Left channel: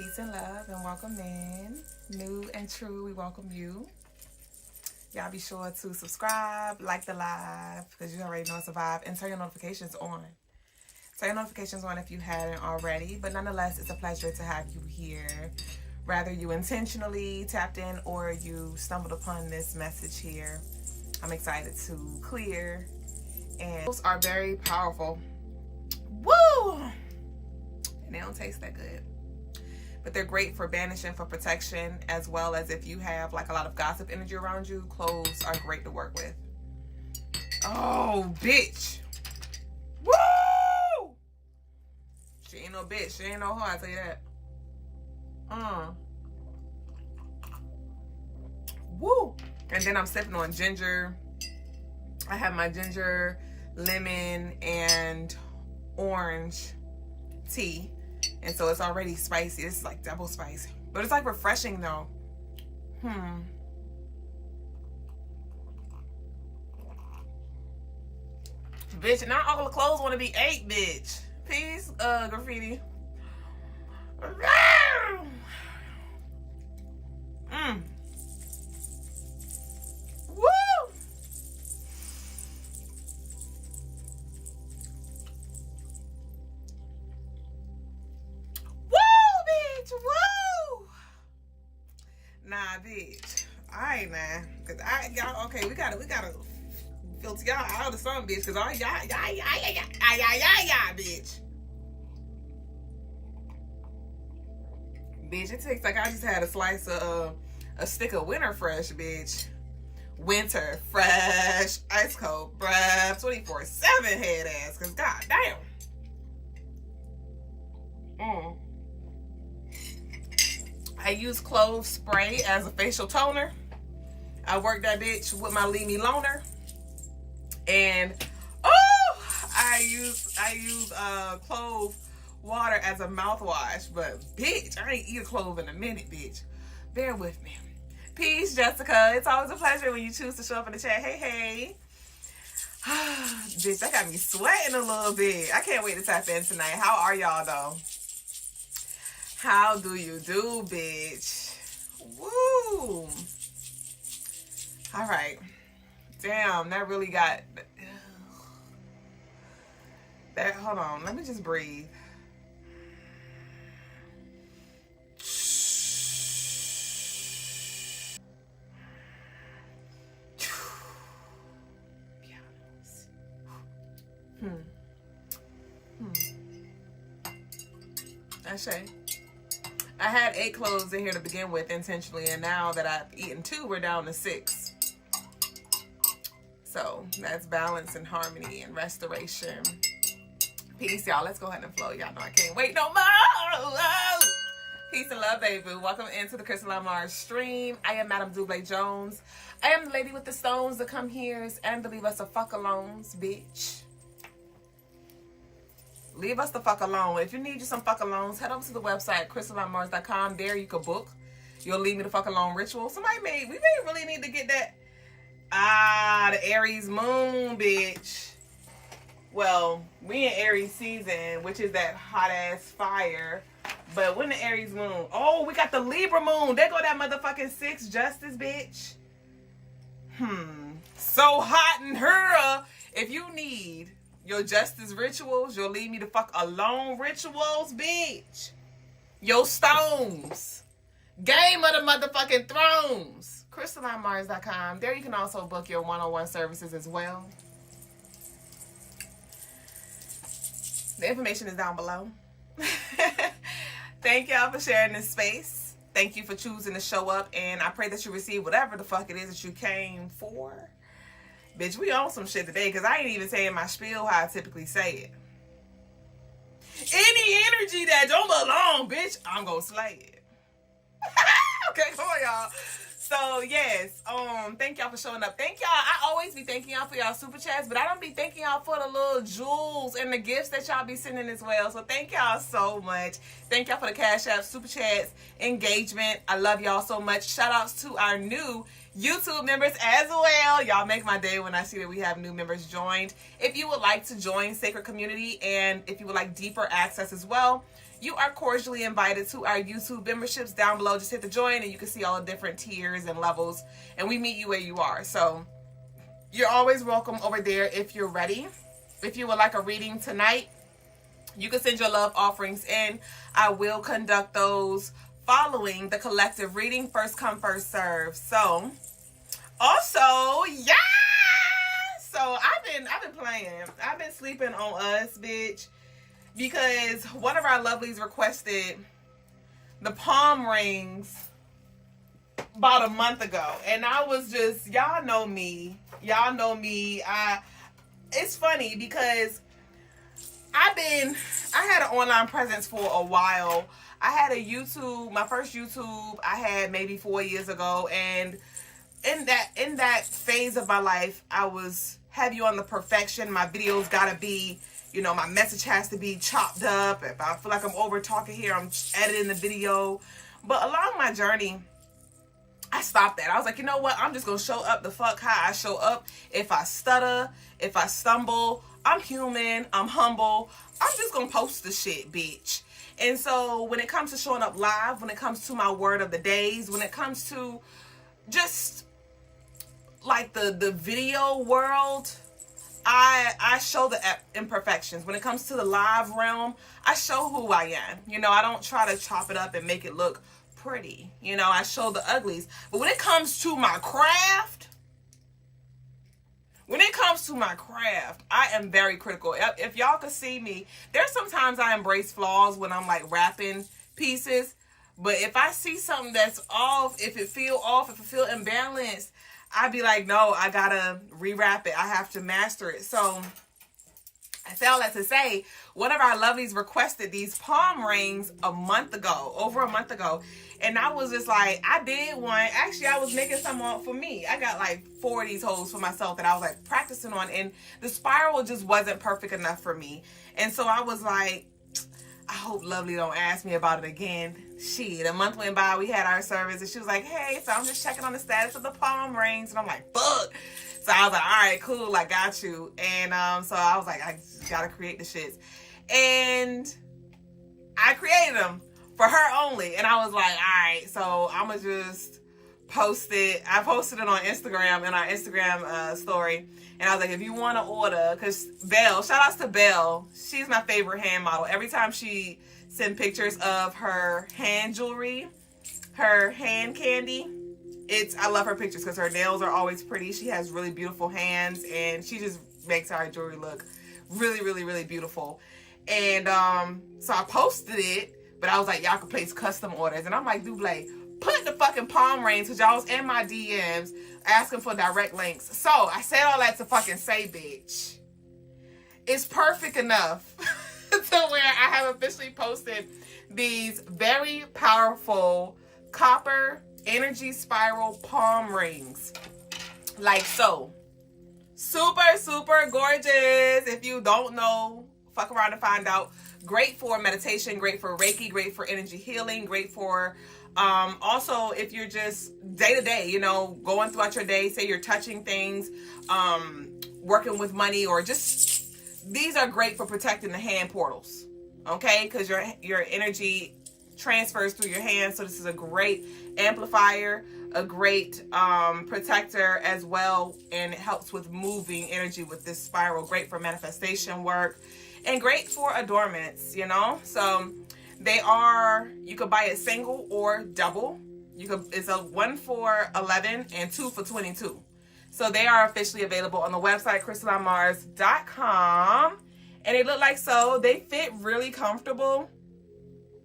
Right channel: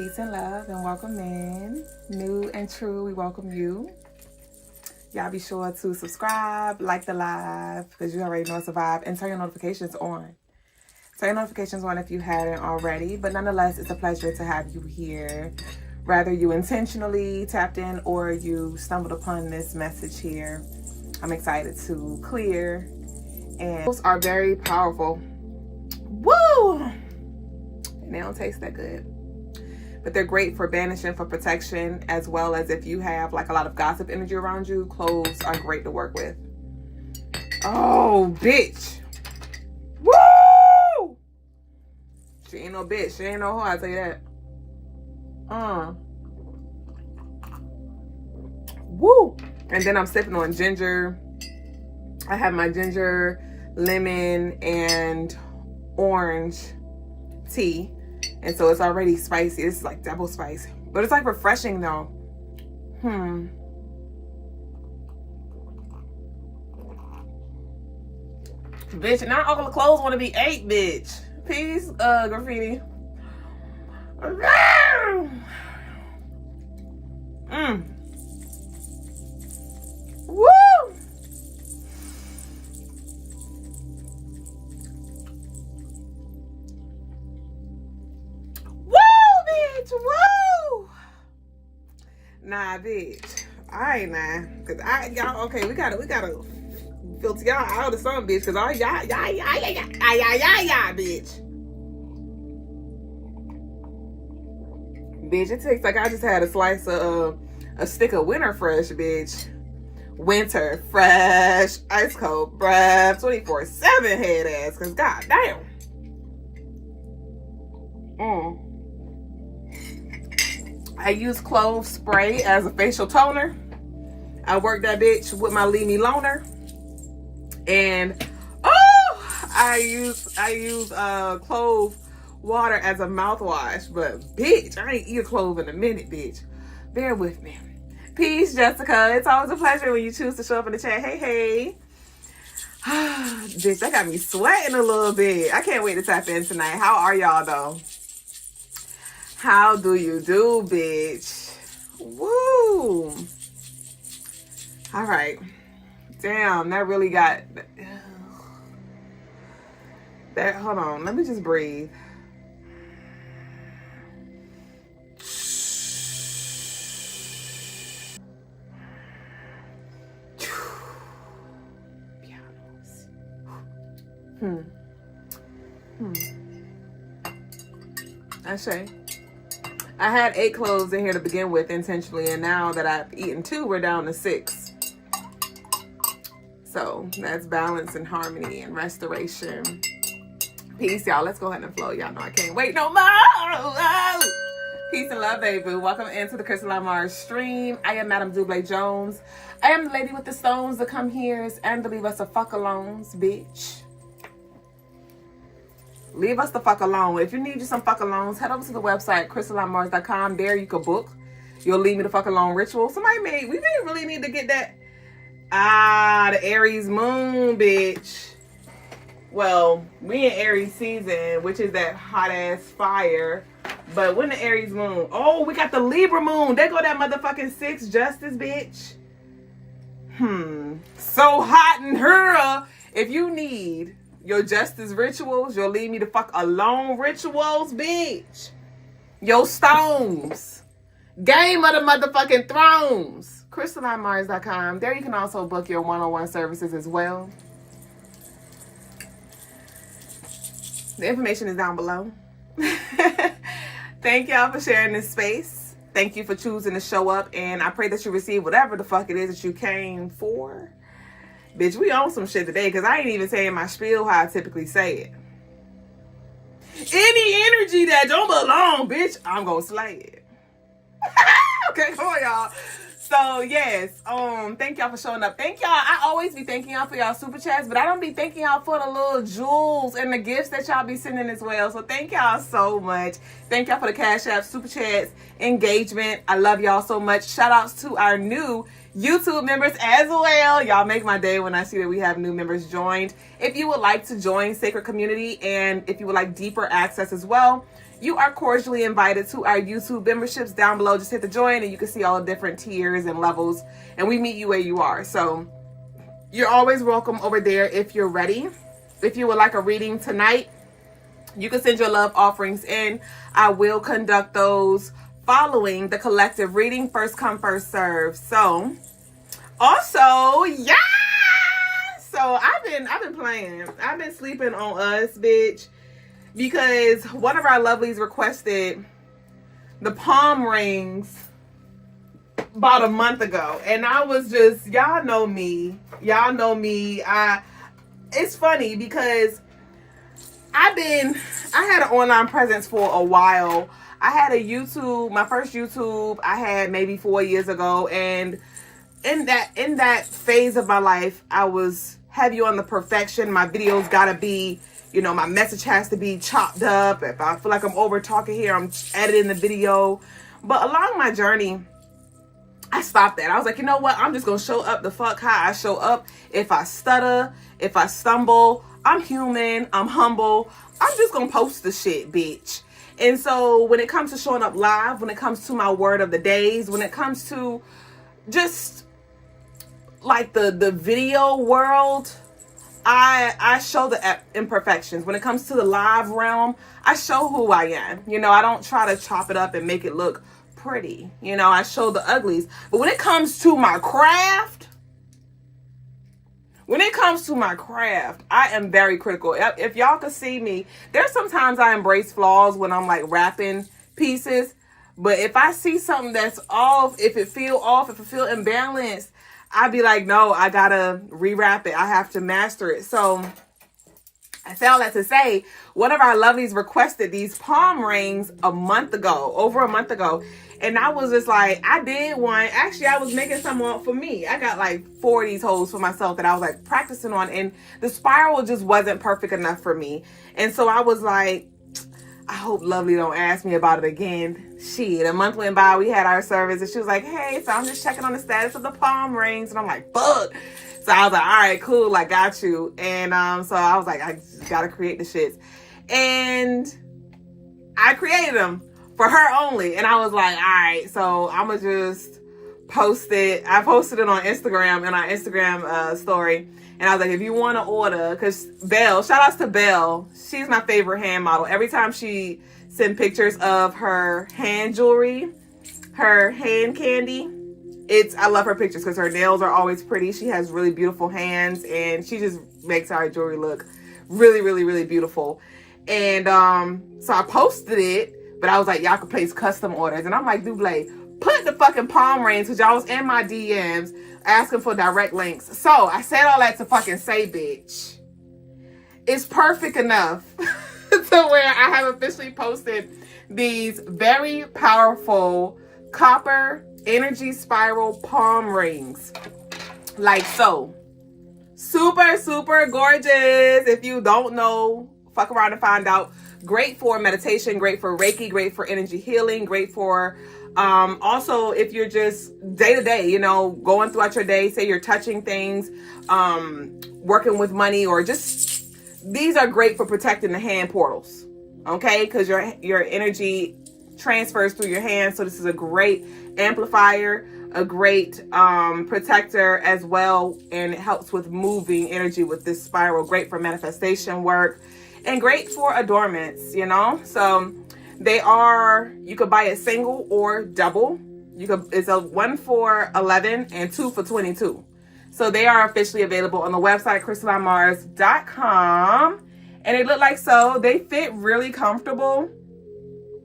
Peace and love and welcome in. New and true, we welcome you. Y'all be sure to subscribe, like the live, because you already know it's a vibe, and turn your notifications on. Turn your notifications on if you hadn't already, but nonetheless, it's a pleasure to have you here. Whether you intentionally tapped in or you stumbled upon this message here, I'm excited to clear. And those are very powerful. Woo! And they don't taste that good. But they're great for banishing, for protection, as well as if you have like a lot of gossip energy around you, cloves are great to work with. Oh, bitch. Woo! She ain't no bitch. She ain't no hoe, I'll tell you that. Woo! And then I'm sipping on ginger. I have my ginger, lemon, and orange tea. And so it's already spicy. This is like double spice. But it's like refreshing though. Bitch, not all the clothes want to be ate, bitch. Peace, graffiti. Woo! Woo! Nah, bitch. Alright, nah. Cause y'all, okay, we gotta filter y'all out of something, bitch. Cause all y'all, bitch. Bitch, it tastes like I just had a slice of a stick of Winter Fresh, bitch. Winter Fresh, ice cold breath, 24/7 head ass. Cause goddamn. I use clove spray as a facial toner. I work that bitch with my Leave Me Loner. And I use clove water as a mouthwash. But bitch, I ain't eat a clove in a minute, bitch. Bear with me. Peace, Jessica. It's always a pleasure when you choose to show up in the chat. Hey. Bitch, that got me sweating a little bit. I can't wait to tap in tonight. How are y'all though? How do you do, bitch? Woo! All right. Damn, that really got... that. Hold on. Let me just breathe. I say. I had 8 cloves in here to begin with intentionally, and now that I've eaten 2, we're down to 6. So that's balance and harmony and restoration. Peace, y'all. Let's go ahead and flow. Y'all know I can't wait no more. Peace and love, baby. Welcome into the Crystaline Mars stream. I am Madame Double Jones. I am the lady with the stones that come here and to leave us a fuck alones, bitch. Leave us the fuck alone. If you need you some fuck alones, head over to the website, CrystalineMars.com. There you can book your Leave Me the Fuck Alone ritual. Somebody we didn't really need to get that. The Aries moon, bitch. Well, we in Aries season, which is that hot ass fire. But when the Aries moon, we got the Libra moon. There go that motherfucking 6 justice, bitch. So hot in her. If you need your justice rituals, your Leave Me the Fuck Alone rituals, bitch. Your stones. Game of the motherfucking Thrones. CrystalineMars.com. There you can also book your one-on-one services as well. The information is down below. Thank y'all for sharing this space. Thank you for choosing to show up, and I pray that you receive whatever the fuck it is that you came for. Bitch, we on some shit today because I ain't even saying my spiel how I typically say it. Any energy that don't belong, bitch, I'm gonna slay it. Okay, come on, y'all. So, yes, thank y'all for showing up. Thank y'all. I always be thanking y'all for y'all super chats, but I don't be thanking y'all for the little jewels and the gifts that y'all be sending as well. So, thank y'all so much. Thank y'all for the Cash App, super chats, engagement. I love y'all so much. Shout outs to our new YouTube members as well. Y'all make my day when I see that we have new members joined. If you would like to join Sacred Community and if you would like deeper access as well, you are cordially invited to our YouTube memberships down below. Just hit the join and you can see all the different tiers and levels, and we meet you where you are. So you're always welcome over there if you're ready. If you would like a reading tonight, you can send your love offerings in. I will conduct those following the collective reading. First come, first serve. So also, yeah. So I've been playing. I've been sleeping on us, bitch, because one of our lovelies requested the palm rings about a month ago, and I was just, y'all know me. It's funny because I had an online presence for a while. I had a YouTube, my first YouTube I had maybe 4 years ago, and in that phase of my life, I was heavy on the perfection. My videos gotta be, you know, my message has to be chopped up. If I feel like I'm over talking here, I'm editing the video. But along my journey, I stopped that. I was like, you know what? I'm just gonna show up the fuck how I show up. If I stutter, if I stumble, I'm human, I'm humble. I'm just gonna post the shit, bitch. And so when it comes to showing up live, when it comes to my word of the days, when it comes to just like the video world, I show the imperfections. When it comes to the live realm, I show who I am. You know, I don't try to chop it up and make it look pretty. You know, I show the uglies. But when it comes to my craft, I am very critical. If y'all could see me, there's sometimes I embrace flaws when I'm like wrapping pieces. But if I see something that's off, if it feel imbalanced, I'd be like, no, I gotta rewrap it. I have to master it. So I say all that to say, one of our lovelies requested these palm rings over a month ago. And I was just like, I did one. Actually, I was making some for me. I got like 4 of these holes for myself that I was like practicing on. And the spiral just wasn't perfect enough for me. And so I was like, I hope Lovely don't ask me about it again. Shit, a month went by, we had our service, and she was like, hey, so I'm just checking on the status of the palm rings. And I'm like, fuck. So I was like, all right, cool, I got you. And so I was like, I just gotta create the shits. And I created them for her only. And I was like, all right, so I'm gonna just post it. I posted it on Instagram in our Instagram story. And I was like, if you want to order, because Belle, shout outs to Belle. She's my favorite hand model. Every time she sends pictures of her hand jewelry, her hand candy, I love her pictures because her nails are always pretty. She has really beautiful hands, and she just makes our jewelry look really, really, really beautiful. And so I posted it, but I was like, y'all can place custom orders. And I'm like, Dublé, put the fucking palm rings, because y'all was in my DMs asking for direct links. So I said all that to fucking say, bitch, it's perfect enough to where I have officially posted these very powerful copper energy spiral palm rings, like so. Super, super gorgeous. If you don't know, fuck around and find out. Great for meditation, great for Reiki, great for energy healing, great for also if you're just day to day, you know, going throughout your day, say you're touching things, working with money, or just, these are great for protecting the hand portals, okay? Because your energy transfers through your hands. So this is a great amplifier, a great protector as well, and it helps with moving energy with this spiral. Great for manifestation work and great for adornments, you know. So you could buy it single or double. It's a 1 for $11 and 2 for $22. So they are officially available on the website CrystalineMars.com, and they look like so. They fit really comfortable.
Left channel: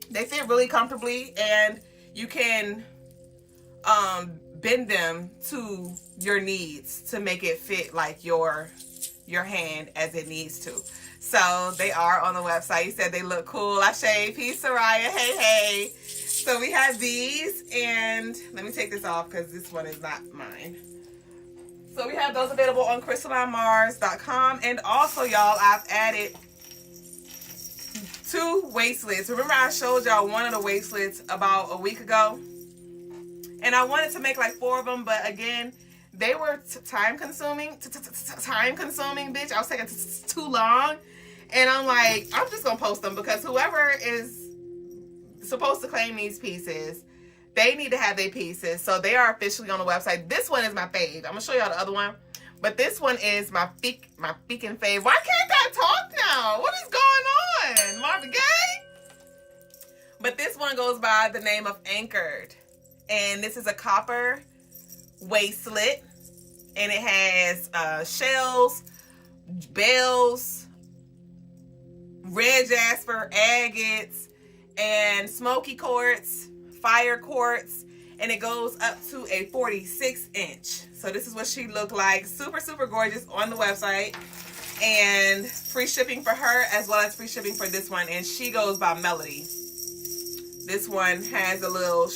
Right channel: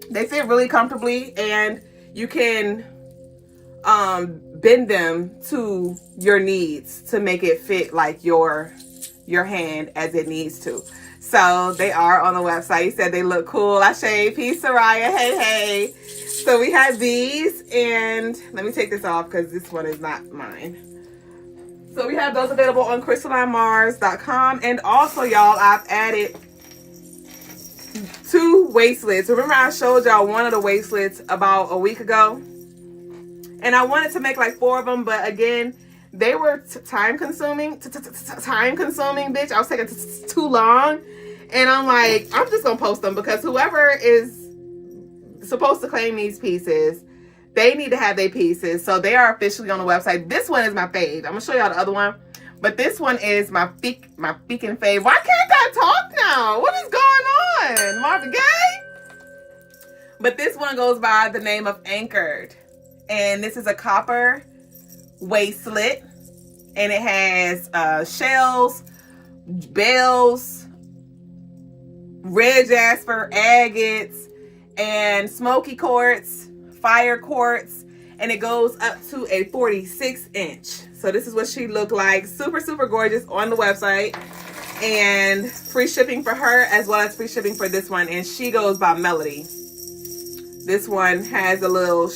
They fit really comfortably, and you can bend them to your needs to make it fit like your hand as it needs to. So they are on the website. You said they look cool. Ashe, peace, Soraya. Hey. So we have these, and let me take this off because this one is not mine. So we have those available on CrystalineMars.com. And also, y'all, I've added 2 waistlets. Remember I showed y'all one of the waistlets about a week ago? And I wanted to make like 4 of them, but again, they were time consuming, bitch. I was taking too long. And I'm like, I'm just going to post them because whoever is supposed to claim these pieces. They need to have their pieces. So they are officially on the website. This one is my fave. I'm going to show y'all the other one. But this one is my freaking fave. Why can't I talk now? What is going on? Marvin Gaye? But this one goes by the name of Anchored. And this is a copper waistlet. And it has shells, bells, red jasper, agates, and smoky quartz, fire quartz, and it goes up to a 46-inch. So this is what she looked like. Super, super gorgeous on the website. And free shipping for her as well as free shipping for this one. And she goes by Melody. This one has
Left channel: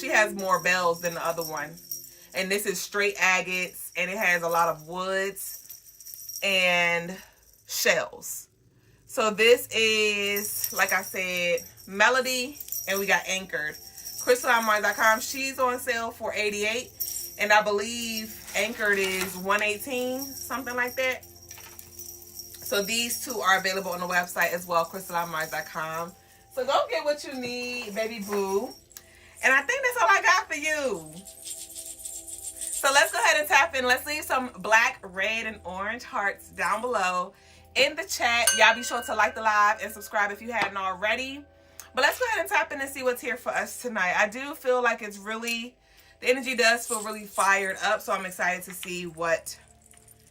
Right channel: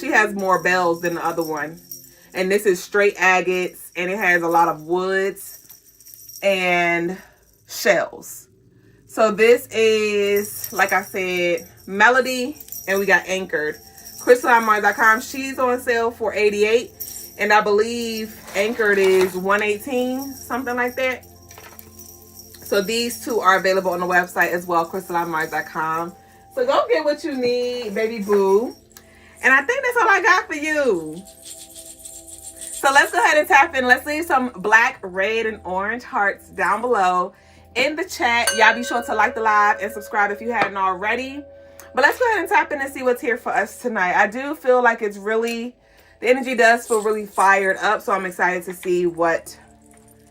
she has more bells than the other one. And this is straight agates, and it has a lot of woods and shells. So this is, like I said, Melody, and we got Anchored. CrystalineMars.com. She's on sale for $88, and I believe Anchored is $118, something like that. So these two are available on the website as well, CrystalineMars.com. So go get what you need, baby boo. And I think that's all I got for you. So let's go ahead and tap in. Let's leave some black, red, and orange hearts down below in the chat. Y'all be sure to like the live and subscribe if you hadn't already. But let's go ahead and tap in and see what's here for us tonight. I do feel like it's really, the energy does feel really fired up. So I'm excited to see what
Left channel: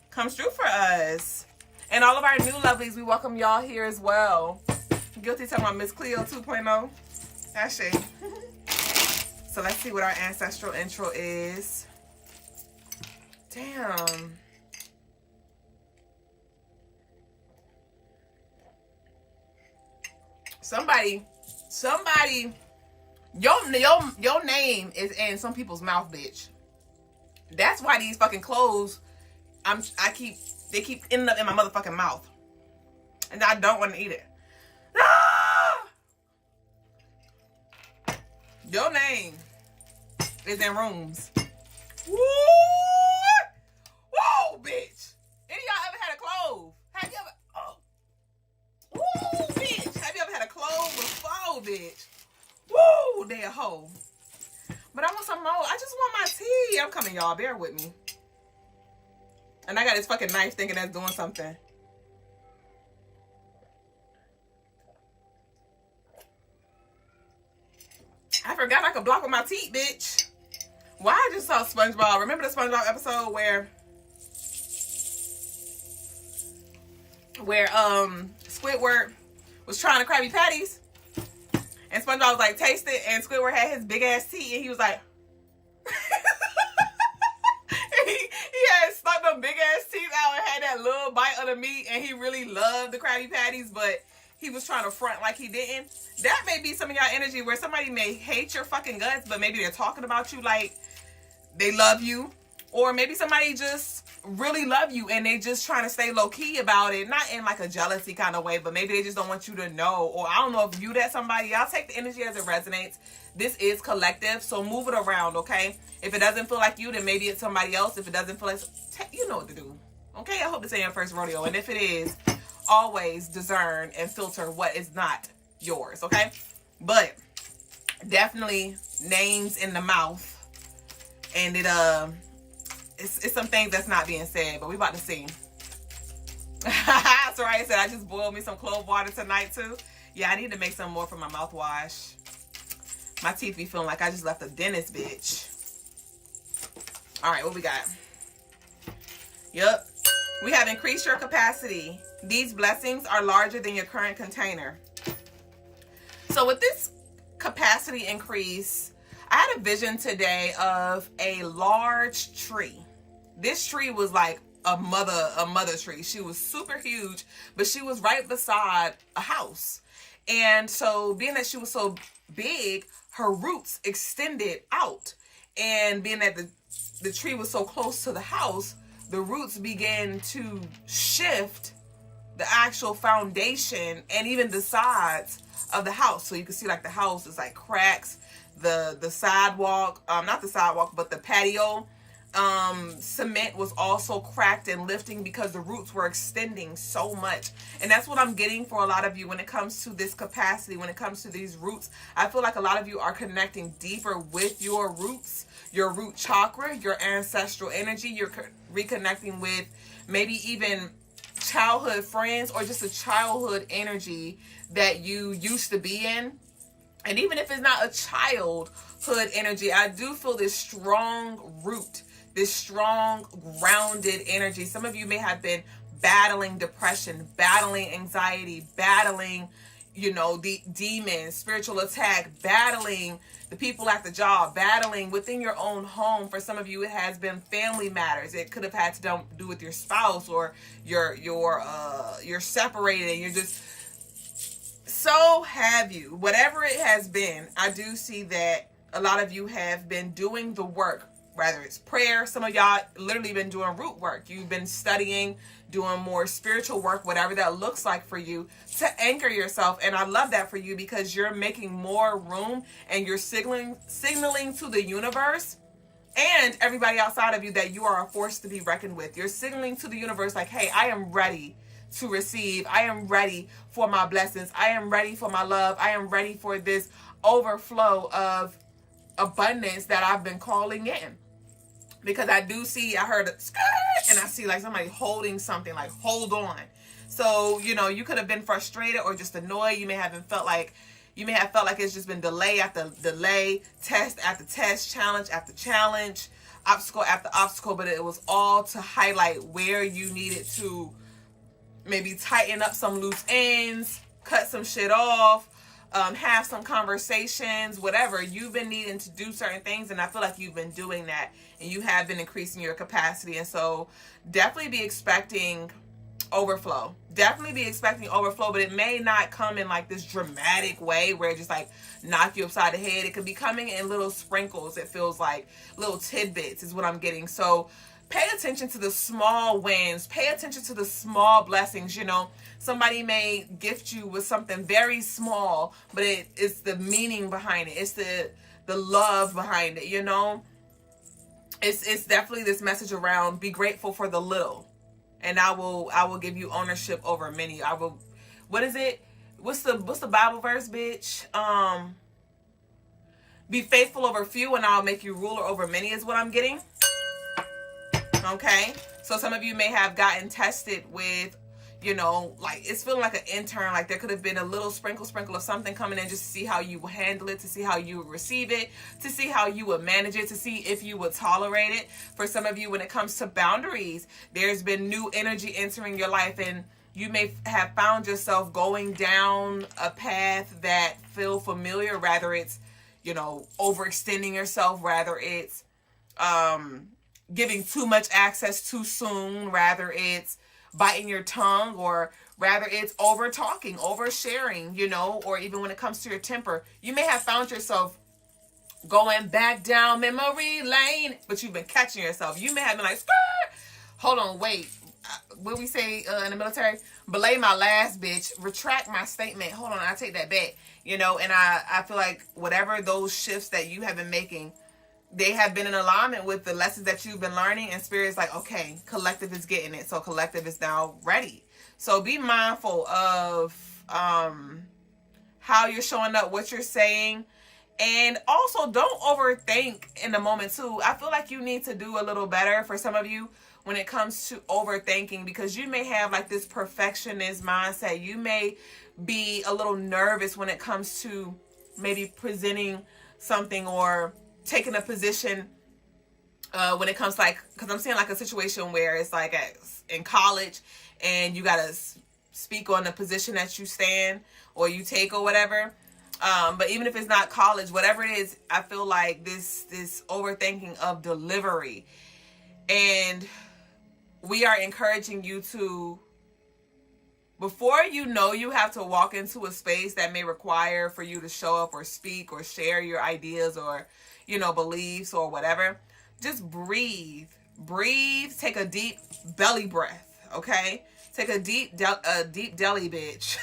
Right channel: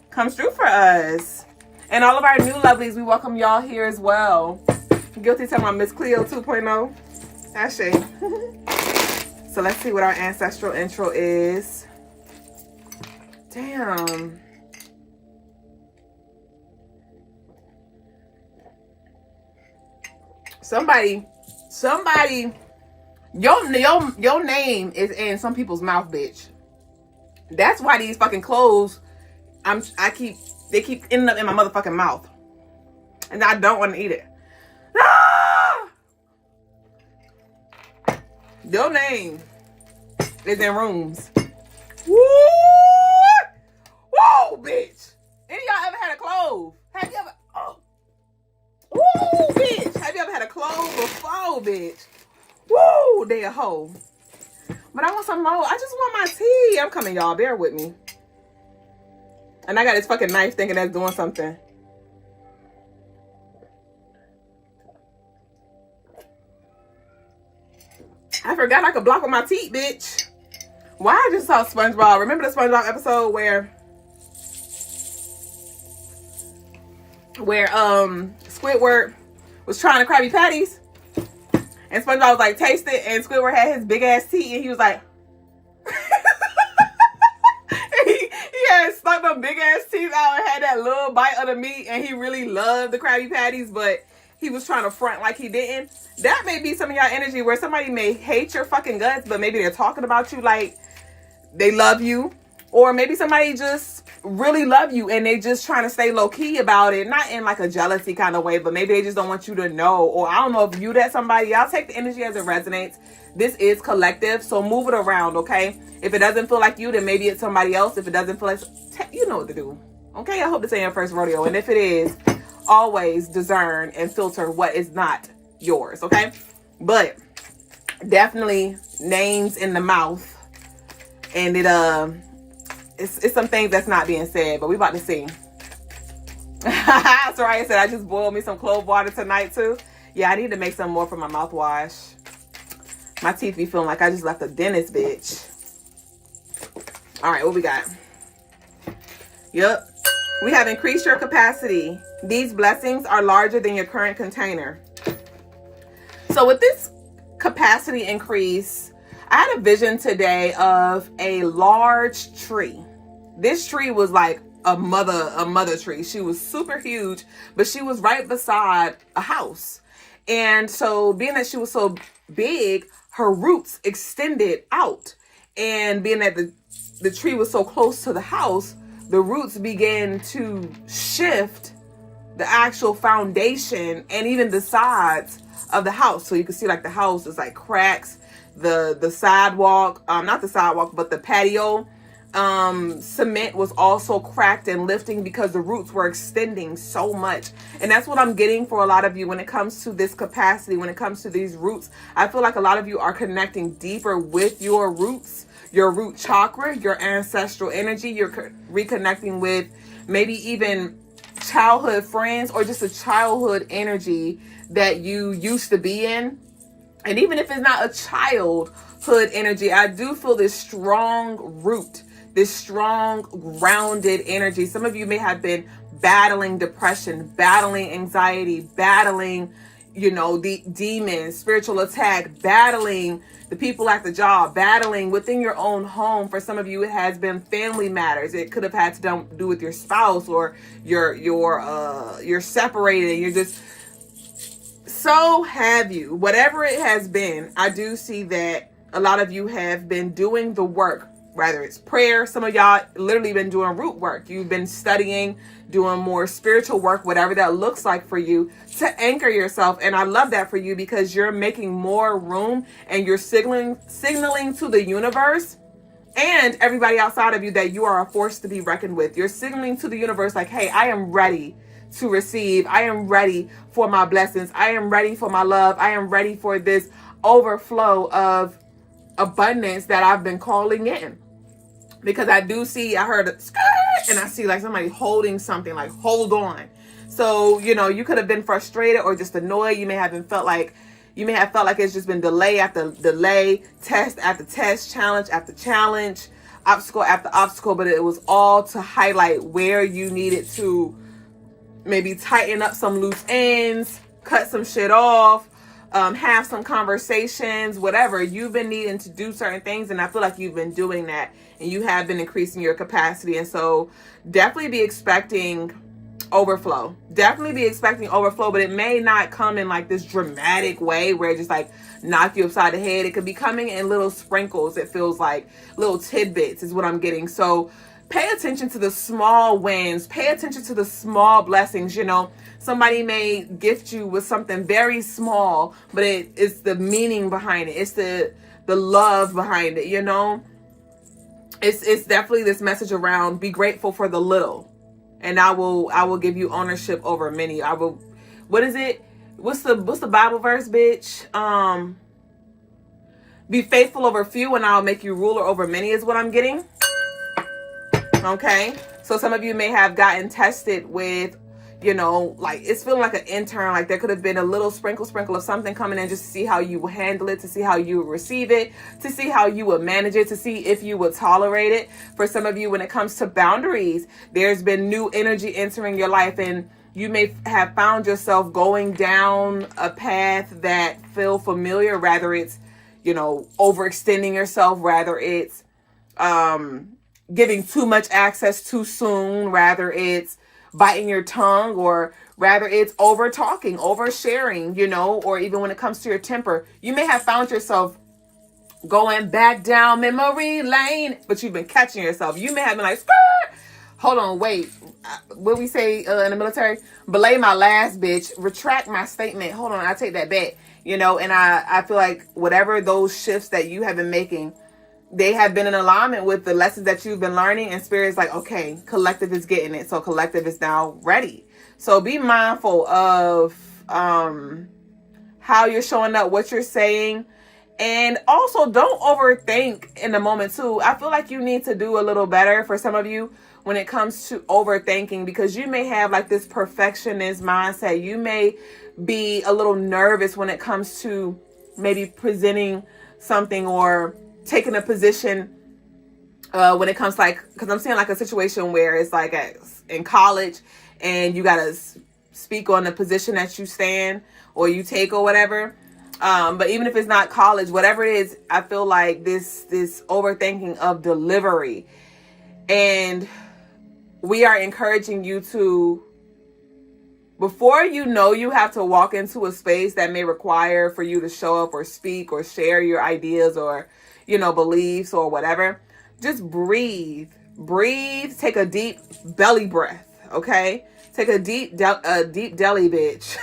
comes through for us. And all of our new lovelies, we welcome y'all here as well. Guilty to my Miss Cleo 2.0. Ashe. So let's see what our ancestral intro is. Damn. Somebody, your name is in some people's mouth, bitch. That's why these fucking clothes, they keep ending up in my motherfucking mouth. And I don't want to eat it. Ah! Your name is in rooms. Woo! Whoa, bitch. Any of y'all ever had a clove? Have you ever, woo, bitch. Have you ever had a clove before, bitch? Woo, they a hoe. But I want some more. I just want my tea. I'm coming, y'all. Bear with me. And I got this fucking knife thinking that's doing something. I forgot I could block with my teeth, bitch. Why I just saw SpongeBob. Remember the SpongeBob episode where Squidward was trying the Krabby Patties? And SpongeBob was like, taste it. And Squidward had his big ass teeth. And he was like... he had stuck them big ass teeth out and had that little bite of the meat. And he really loved the Krabby Patties. But he was trying to front like he didn't. That may be some of y'all energy where somebody may hate your fucking guts. But maybe they're talking about you like they love you. Or maybe somebody just really love you and they just trying to stay low key about it. Not in like a jealousy kind of way, but maybe they just don't want you to know. Or I don't know if you that somebody. Y'all take the energy as it resonates. This is collective, so move it around, okay? If it doesn't feel like you, then maybe it's somebody else. If it doesn't feel like, you know what to do, okay? I hope this ain't your first rodeo. And if it is, always discern and filter what is not yours, okay? But definitely names in the mouth. And it's some things that's not being said, but we about to see. Soraya said I just boiled me some clove water tonight too. Yeah, I need to make some more for my mouthwash. My teeth be feeling like I just left a dentist, bitch. All right, what we got? Yep. We have increased your capacity. These blessings are larger than your current container. So with this capacity increase, I had a vision today of a large tree. This tree was like a mother tree. She was super huge, but she was right beside a house. And so being that she was so big, her roots extended out. And being that the tree was so close to the house, the roots began to shift the actual foundation and even the sides of the house. So you can see like the house is like cracks. The sidewalk, not the sidewalk, but the patio cement was also cracked and lifting because the roots were extending so much. And that's what I'm getting for a lot of you when it comes to this capacity, when it comes to these roots. I feel like a lot of you are connecting deeper with your roots, your root chakra, your ancestral energy. You're reconnecting with maybe even childhood friends or just a childhood energy that you used to be in. And even if it's not a childhood energy, I do feel this strong root, this strong grounded energy. Some of you may have been battling depression, battling anxiety, battling, the demons, spiritual attack, battling the people at the job, battling within your own home. For some of you, it has been family matters. It could have had to do with your spouse, or you're separated and you're just, so have you. Whatever it has been, I do see that a lot of you have been doing the work, whether it's prayer. Some of y'all literally been doing root work. You've been studying, doing more spiritual work, whatever that looks like for you, to anchor yourself. And I love that for you, because you're making more room and you're signaling to the universe and everybody outside of you that you are a force to be reckoned with. You're signaling to the universe like, hey, I am ready to receive. I am ready for my blessings. I am ready for my love. I am ready for this overflow of abundance that I've been calling in. Because I do see, I heard a skirt, and I see like somebody holding something, like, hold on. So, you could have been frustrated or just annoyed. You may have felt like it's just been delay after delay, test after test, challenge after challenge, obstacle after obstacle, but it was all to highlight where you needed to maybe tighten up some loose ends, cut some shit off, have some conversations, whatever. You've been needing to do certain things, and I feel like you've been doing that, and you have been increasing your capacity. And so definitely be expecting overflow. Definitely be expecting overflow, but it may not come in like this dramatic way where it just like knock you upside the head. It could be coming in little sprinkles. It feels like little tidbits is what I'm getting. So pay attention to the small wins. Pay attention to the small blessings. Somebody may gift you with something very small, but it's the meaning behind it. It's the love behind it. It's definitely this message around be grateful for the little, and I will give you ownership over many. I will. What is it? What's the Bible verse, bitch? Be faithful over few, and I'll make you ruler over many. Is what I'm getting. Okay, so some of you may have gotten tested with, like it's feeling like an intern, like there could have been a little sprinkle of something coming in just to see how you will handle it, to see how you will receive it, to see how you will manage it, to see if you will tolerate it. For some of you, when it comes to boundaries, there's been new energy entering your life, and you may have found yourself going down a path that feel familiar, rather it's, overextending yourself, rather it's, giving too much access too soon, rather it's biting your tongue, or rather it's over talking, over sharing, or even when it comes to your temper, you may have found yourself going back down memory lane, but you've been catching yourself. You may have been like, skirt, hold on, wait, what we say in the military, belay my last, bitch, retract my statement, hold on, I take that back, and I feel like whatever those shifts that you have been making, they have been in alignment with the lessons that you've been learning, and Spirit's like, okay, collective is getting it. So collective is now ready. So be mindful of how you're showing up, what you're saying, and also don't overthink in the moment too. I feel like you need to do a little better for some of you when it comes to overthinking, because you may have like this perfectionist mindset. You may be a little nervous when it comes to maybe presenting something or taking a position when it comes because I'm seeing like a situation where it's like in college and you gotta speak on the position that you stand or you take or whatever. But even if it's not college, whatever it is, I feel like this overthinking of delivery, and we are encouraging you to, before you have to walk into a space that may require for you to show up or speak or share your ideas or beliefs or whatever, just breathe, take a deep belly breath. Okay. Take a deep deli, bitch.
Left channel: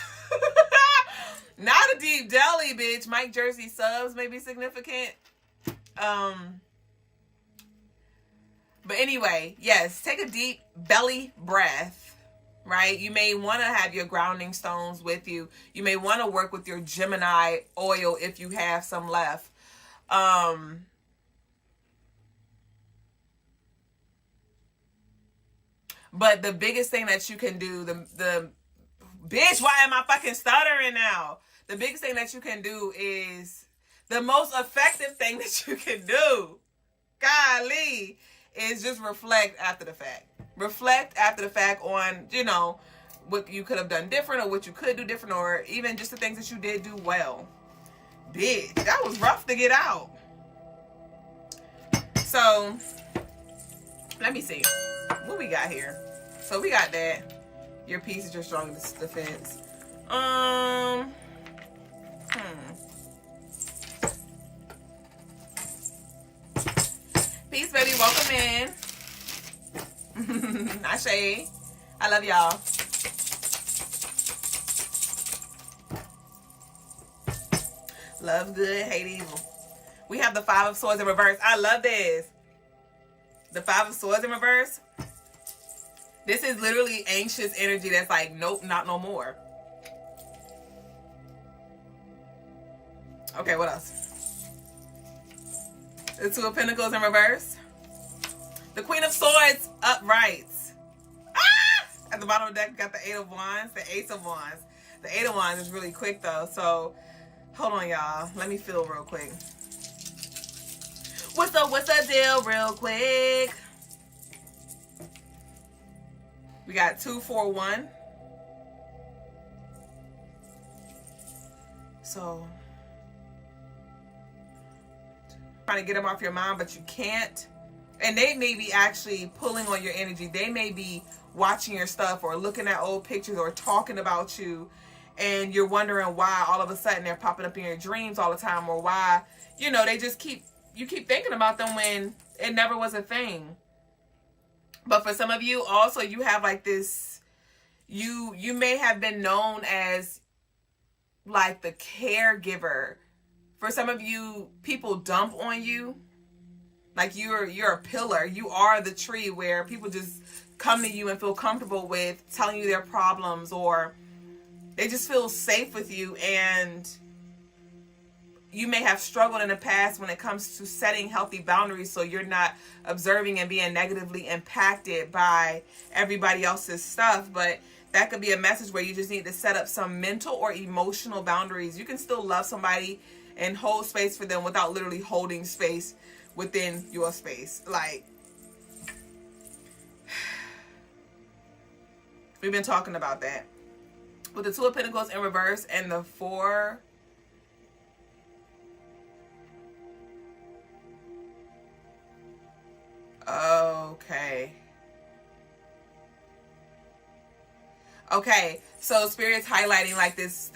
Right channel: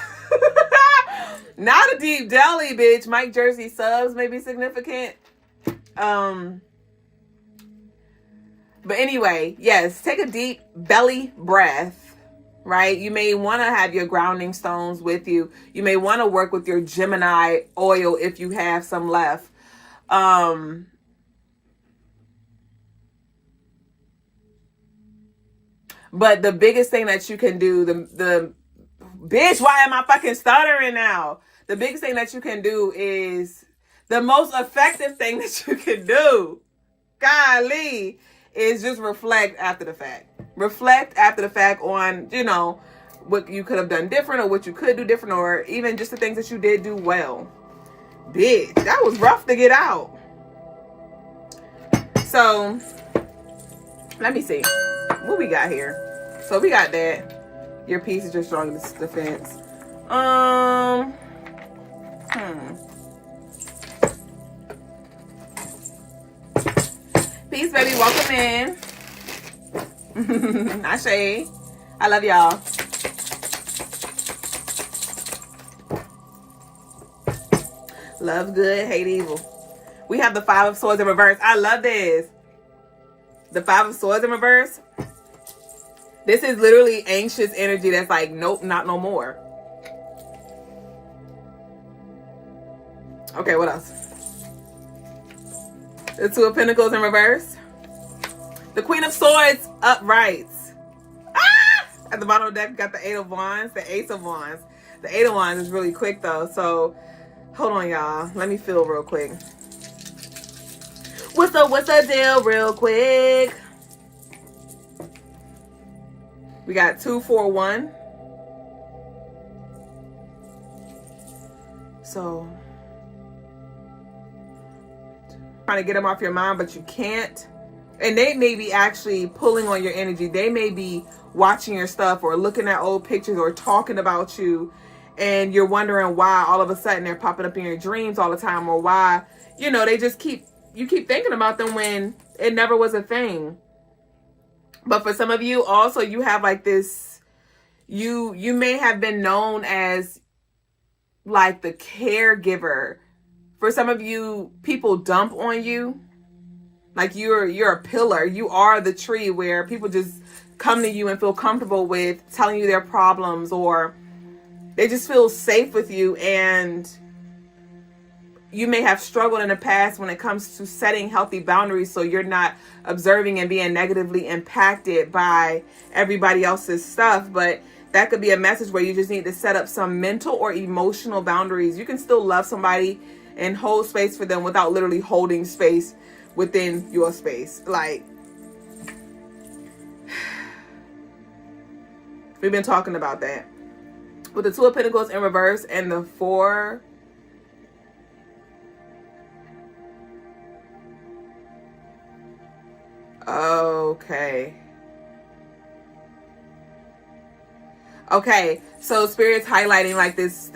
Not a deep deli, bitch. Mike Jersey subs may be significant. But anyway, yes, take a deep belly breath, right? You may want to have your grounding stones with you. You may want to work with your Gemini oil if you have some left. But the biggest thing that you can do, the bitch, why am I fucking stuttering now? The biggest thing that you can do is the most effective thing that you can do, golly, is just reflect after the fact. Reflect after the fact on, you know, what you could have done different or what you could do different or even just the things that you did do well. Bitch, that was rough to get out. So, let me see. What we got here? So we got that. Your piece is your strongest defense. Peace, baby. Welcome in. Ashe. I love y'all. Love good, hate evil. We have the Five of Swords in reverse. I love this. The Five of Swords in reverse. This is literally anxious energy that's like, nope, not no more. Okay, what else? The Two of Pentacles in reverse. The Queen of Swords upright. Ah! At the bottom of the deck, we got the Eight of Wands, the Ace of Wands. The Eight of Wands is really quick though, so hold on, y'all. Let me feel real quick. What's the deal real quick? We got 2, 4, 1. So, trying to get them off your mind, but you can't. And they may be actually pulling on your energy. They may be watching your stuff or looking at old pictures or talking about you. And you're wondering why all of a sudden they're popping up in your dreams all the time, or why, you know, they just you keep thinking about them when it never was a thing. But for some of you also, you have like this, you may have been known as like the caregiver. For some of you, people dump on you. Like you're a pillar. You are the tree where people just come to you and feel comfortable with telling you their problems, or they just feel safe with you. And you may have struggled in the past when it comes to setting healthy boundaries, so you're not observing and being negatively impacted by everybody else's stuff. But that could be a message where you just need to set up some mental or emotional boundaries. You can still love somebody and hold space for them without literally holding space within your space. Like, we've been talking about that. With the Two of Pentacles in reverse and the Four. Okay. Okay, so Spirit's highlighting like this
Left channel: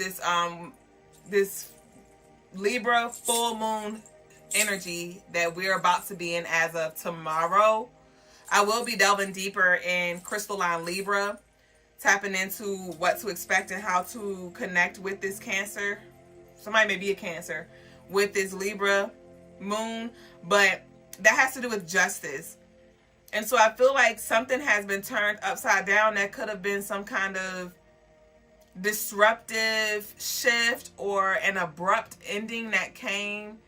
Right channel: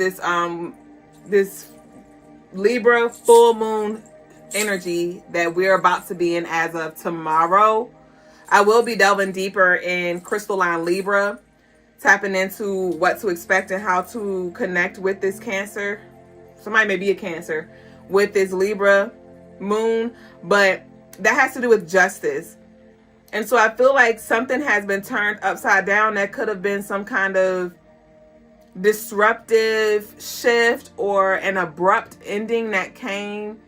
Libra full moon energy that we're about to be in as of tomorrow. I will be delving deeper in Crystaline Libra, tapping into what to expect and how to connect with this Cancer. Somebody may be a Cancer with this Libra moon, but that has to do with justice. And so I feel like something has been turned upside down. That could have been some kind of disruptive shift or an abrupt ending that came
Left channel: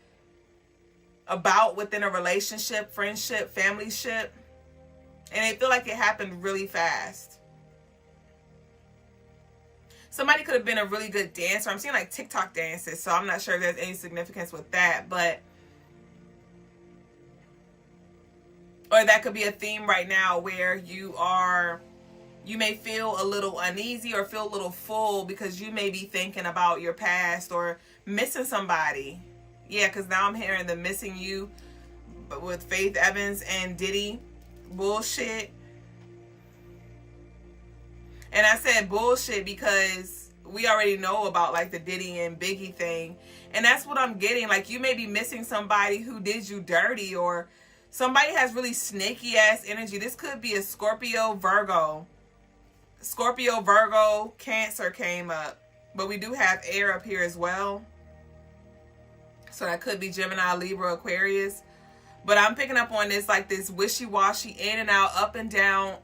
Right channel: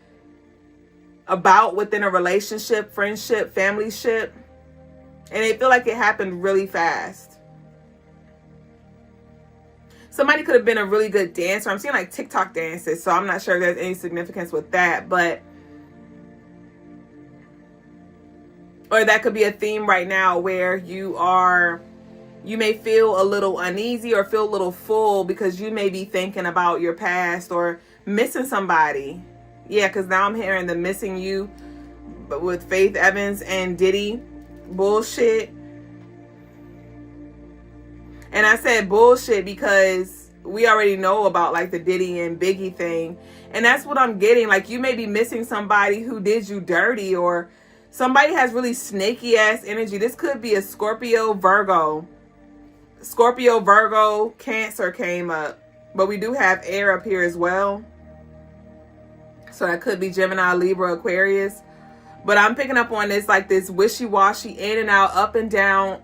about within a relationship, friendship, familyship. And I feel like it happened really fast. Somebody could have been a really good dancer. I'm seeing like TikTok dances, so I'm not sure if there's any significance with that, but or that could be a theme right now where you may feel a little uneasy or feel a little full because you may be thinking about your past or missing somebody. Yeah, because now I'm hearing the missing you, but with Faith Evans and Diddy bullshit. And I said bullshit because we already know about like the Diddy and Biggie thing. And that's what I'm getting. Like, you may be missing somebody who did you dirty, or somebody has really snaky ass energy. This could be a Scorpio, Virgo. Scorpio, Virgo, Cancer came up. But we do have air up here as well. So that could be Gemini, Libra, Aquarius. But I'm picking up on this, like this wishy-washy, in and out, up and down.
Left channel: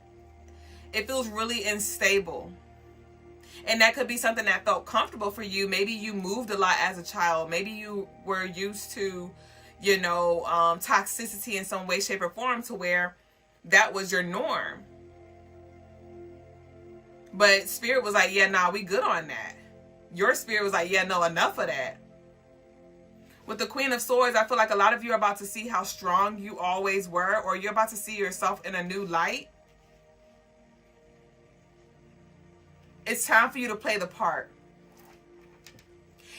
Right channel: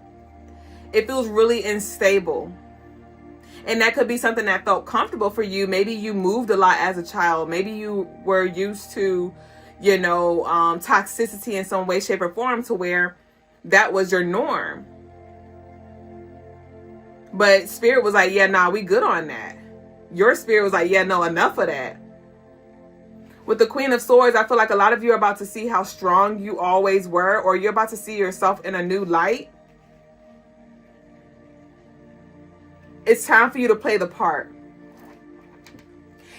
It feels really unstable. And that could be something that felt comfortable for you. Maybe you moved a lot as a child. Maybe you were used to, you know, toxicity in some way, shape, or form to where that was your norm. But spirit was like, yeah, nah, we good on that. Your spirit was like, yeah, no, enough of that. With the Queen of Swords, I feel like a lot of you are about to see how strong you always were, or you're about to see yourself in a new light. It's time for you to play the part.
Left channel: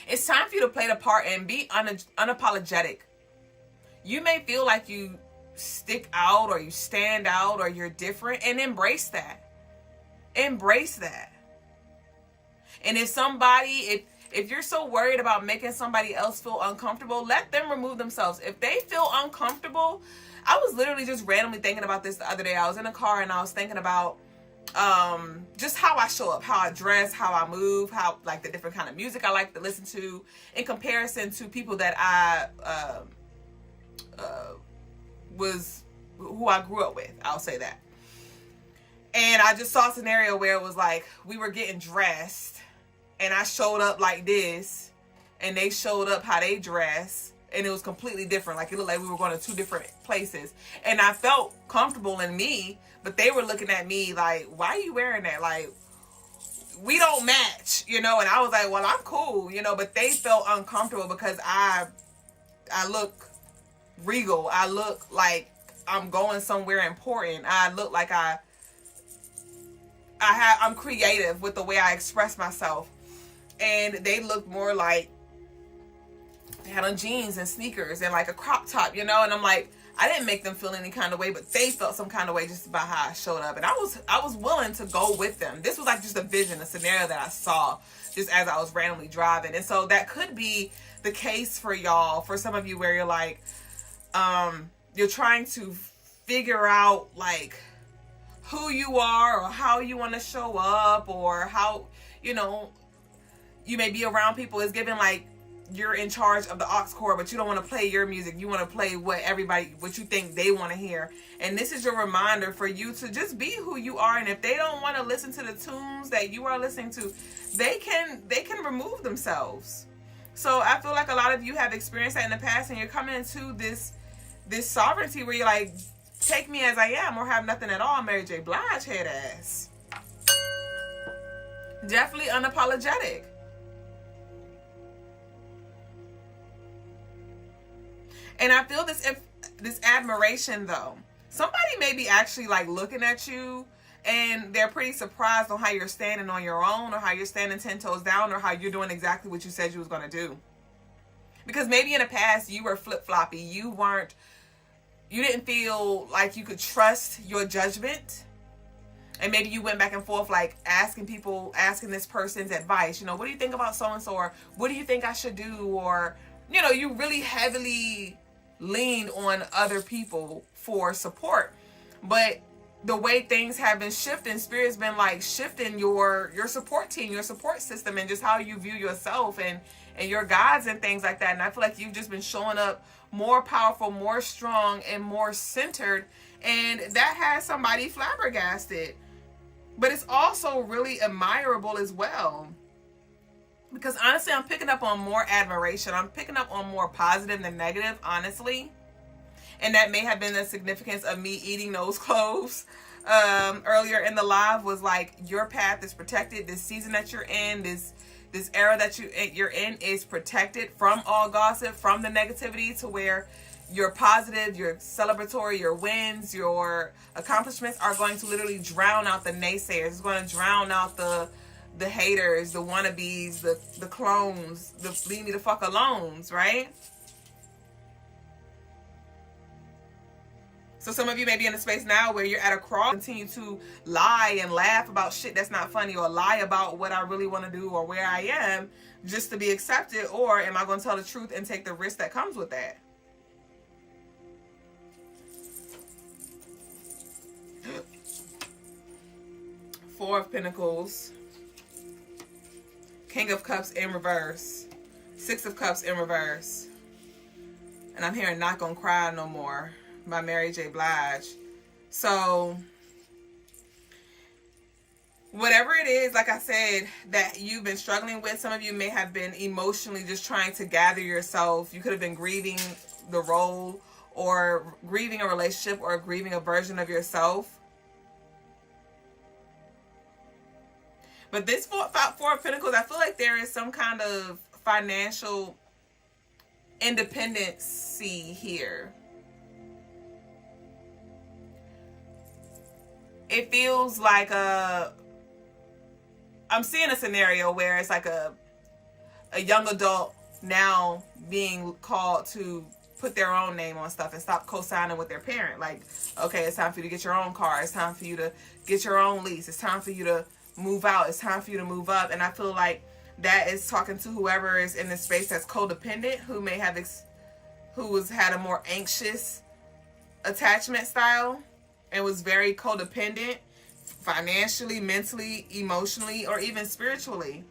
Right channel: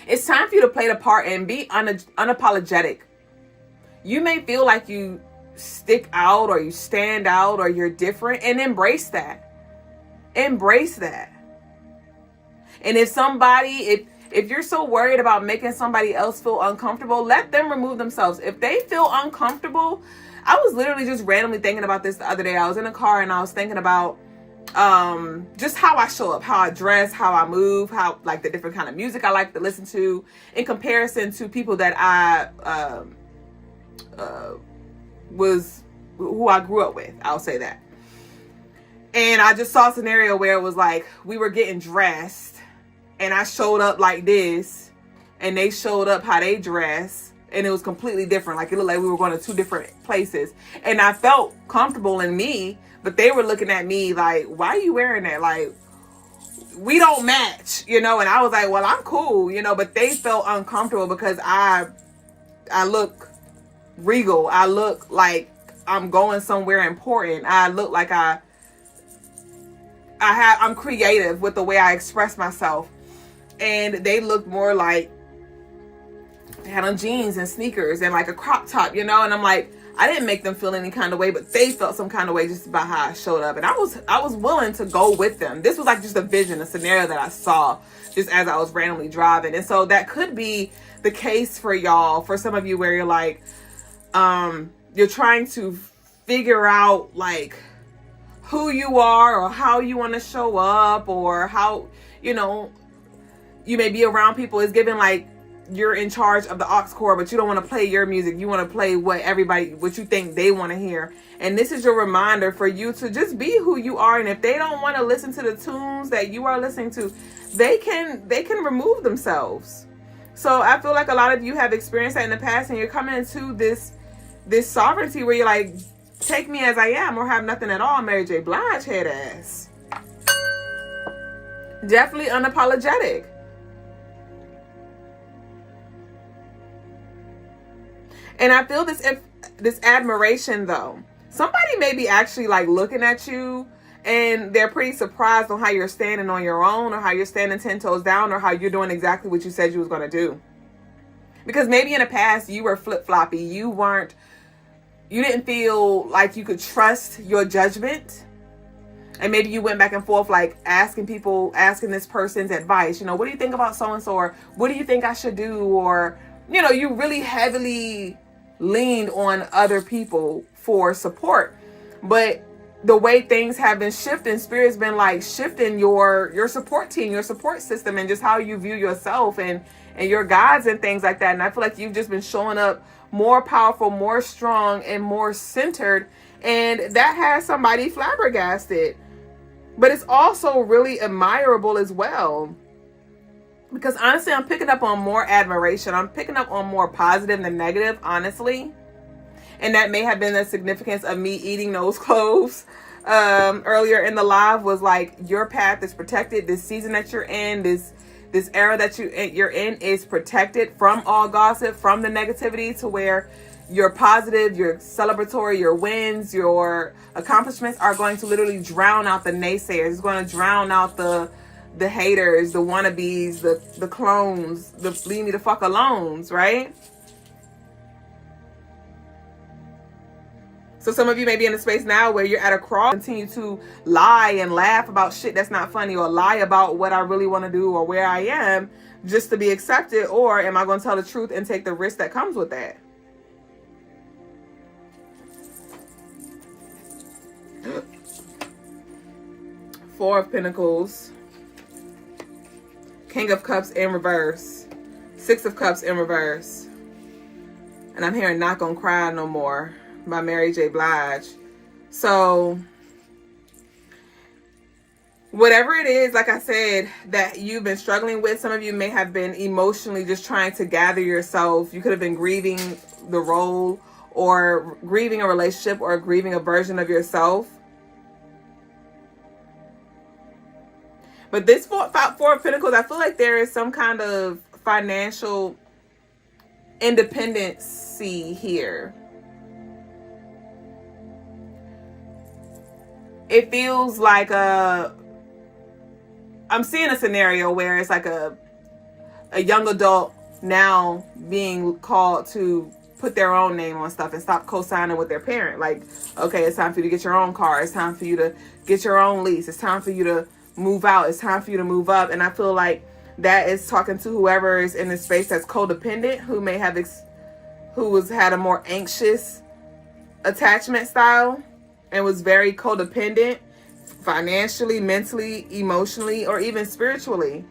It's time for you to play the part and be unapologetic. You may feel like you stick out or you stand out or you're different, and embrace that. Embrace that. And if you're so worried about making somebody else feel uncomfortable, let them remove themselves. If they feel uncomfortable, I was literally just randomly thinking about this the other day. I was in a car and I was thinking about just how I show up, how I dress, how I move, how like the different kind of music I like to listen to in comparison to people that who I grew up with. I'll say that. And I just saw a scenario where it was like we were getting dressed and I showed up like this and they showed up how they dress, and it was completely different. Like it looked like we were going to two different places, and I felt comfortable in me, but they were looking at me like, why are you wearing that? Like, we don't match, you know? And I was like, well, I'm cool, you know, but they felt uncomfortable because I look regal. I look like I'm going somewhere important. I look like I'm creative with the way I express myself. And they looked more like they had on jeans and sneakers and like a crop top, you know? And I'm like, I didn't make them feel any kind of way, but they felt some kind of way just about how I showed up. And I was willing to go with them. This was like just a vision, a scenario that I saw just as I was randomly driving. And so that could be the case for y'all, for some of you, where you're like, you're trying to figure out like who you are or how you want to show up, or how, you know, you may be around people. It's given like you're in charge of the aux cord, but you don't want to play your music. You want to play what you think they want to hear. And this is your reminder for you to just be who you are. And if they don't want to listen to the tunes that you are listening to, they can remove themselves. So I feel like a lot of you have experienced that in the past, and you're coming into this sovereignty where you're like, take me as I am or have nothing at all, Mary J. Blige head ass. Definitely unapologetic. And I feel this admiration though. Somebody may be actually like looking at you and they're pretty surprised on how you're standing on your own, or how you're standing 10 toes down, or how you're doing exactly what you said you was going to do. Because maybe in the past you were flip-floppy. You didn't feel like you could trust your judgment. And maybe you went back and forth, like asking this person's advice. You know, what do you think about so-and-so? Or what do you think I should do? Or, you know, you really heavily leaned on other people for support. But the way things have been shifting, Spirit's been like shifting your support team, your support system, and just how you view yourself and your guides and things like that. And I feel like you've just been showing up more powerful, more strong, and more centered. And that has somebody flabbergasted. But it's also really admirable as well. Because honestly, I'm picking up on more admiration. I'm picking up on more positive than negative, honestly. And that may have been the significance of me eating those cloves earlier in the live, was like, your path is protected. This season that you're in, this era that you're in is protected from all gossip, from the negativity, to where your positive, your celebratory, your wins, your accomplishments are going to literally drown out the naysayers. It's going to drown out the haters, the wannabes, the clones, the leave me the fuck alones, right? So some of you may be in a space now where you're at a cross, continue to lie and laugh about shit that's not funny, or lie about what I really want to do or where I am just to be accepted, or am I going to tell the truth and take the risk that comes with that? Four of Pentacles, King of Cups in reverse, Six of Cups in reverse, And I'm hearing Not Gonna Cry No More by Mary J. Blige. So whatever it is, like I said, that you've been struggling with, some of you may have been emotionally just trying to gather yourself. You could have been grieving the role, or grieving a relationship, or grieving a version of yourself. But this Four of Pentacles, I feel like there is some kind of financial independency here. It feels like I'm seeing a scenario where it's like a young adult now being called to put their own name on stuff and stop co-signing with their parent. Like, okay, it's time for you to get your own car. It's time for you to get your own lease. It's time for you to move out. It's time for you to move up. And I feel like that is talking to whoever is in the space that's codependent, who may have who has had a more anxious attachment style and was very codependent financially, mentally, emotionally, or even spiritually.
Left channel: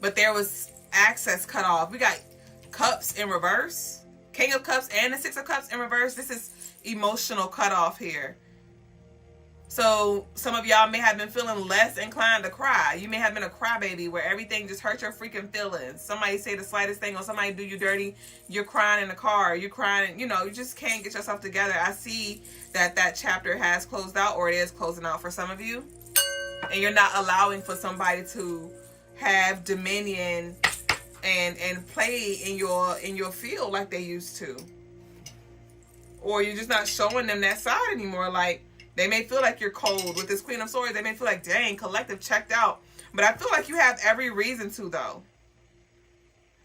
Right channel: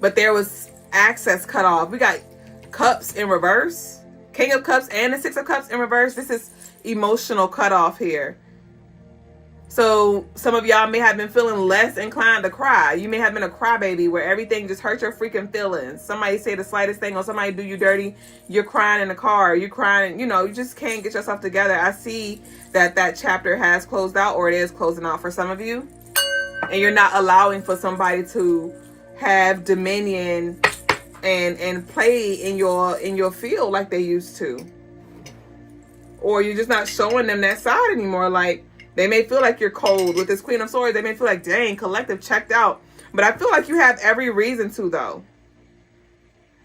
But there was access cut off. We got Cups in reverse, King of Cups and the Six of Cups in reverse. This is emotional cutoff here. So some of y'all may have been feeling less inclined to cry. You may have been a crybaby where everything just hurt your freaking feelings. Somebody say the slightest thing, or somebody do you dirty, you're crying in the car, you're crying, you know, you just can't get yourself together. I see that chapter has closed out, or it is closing out for some of you. And you're not allowing for somebody to have dominion and play in your field like they used to. Or you're just not showing them that side anymore. Like, they may feel like you're cold with this Queen of Swords. They may feel like, dang, collective checked out. But I feel like you have every reason to, though.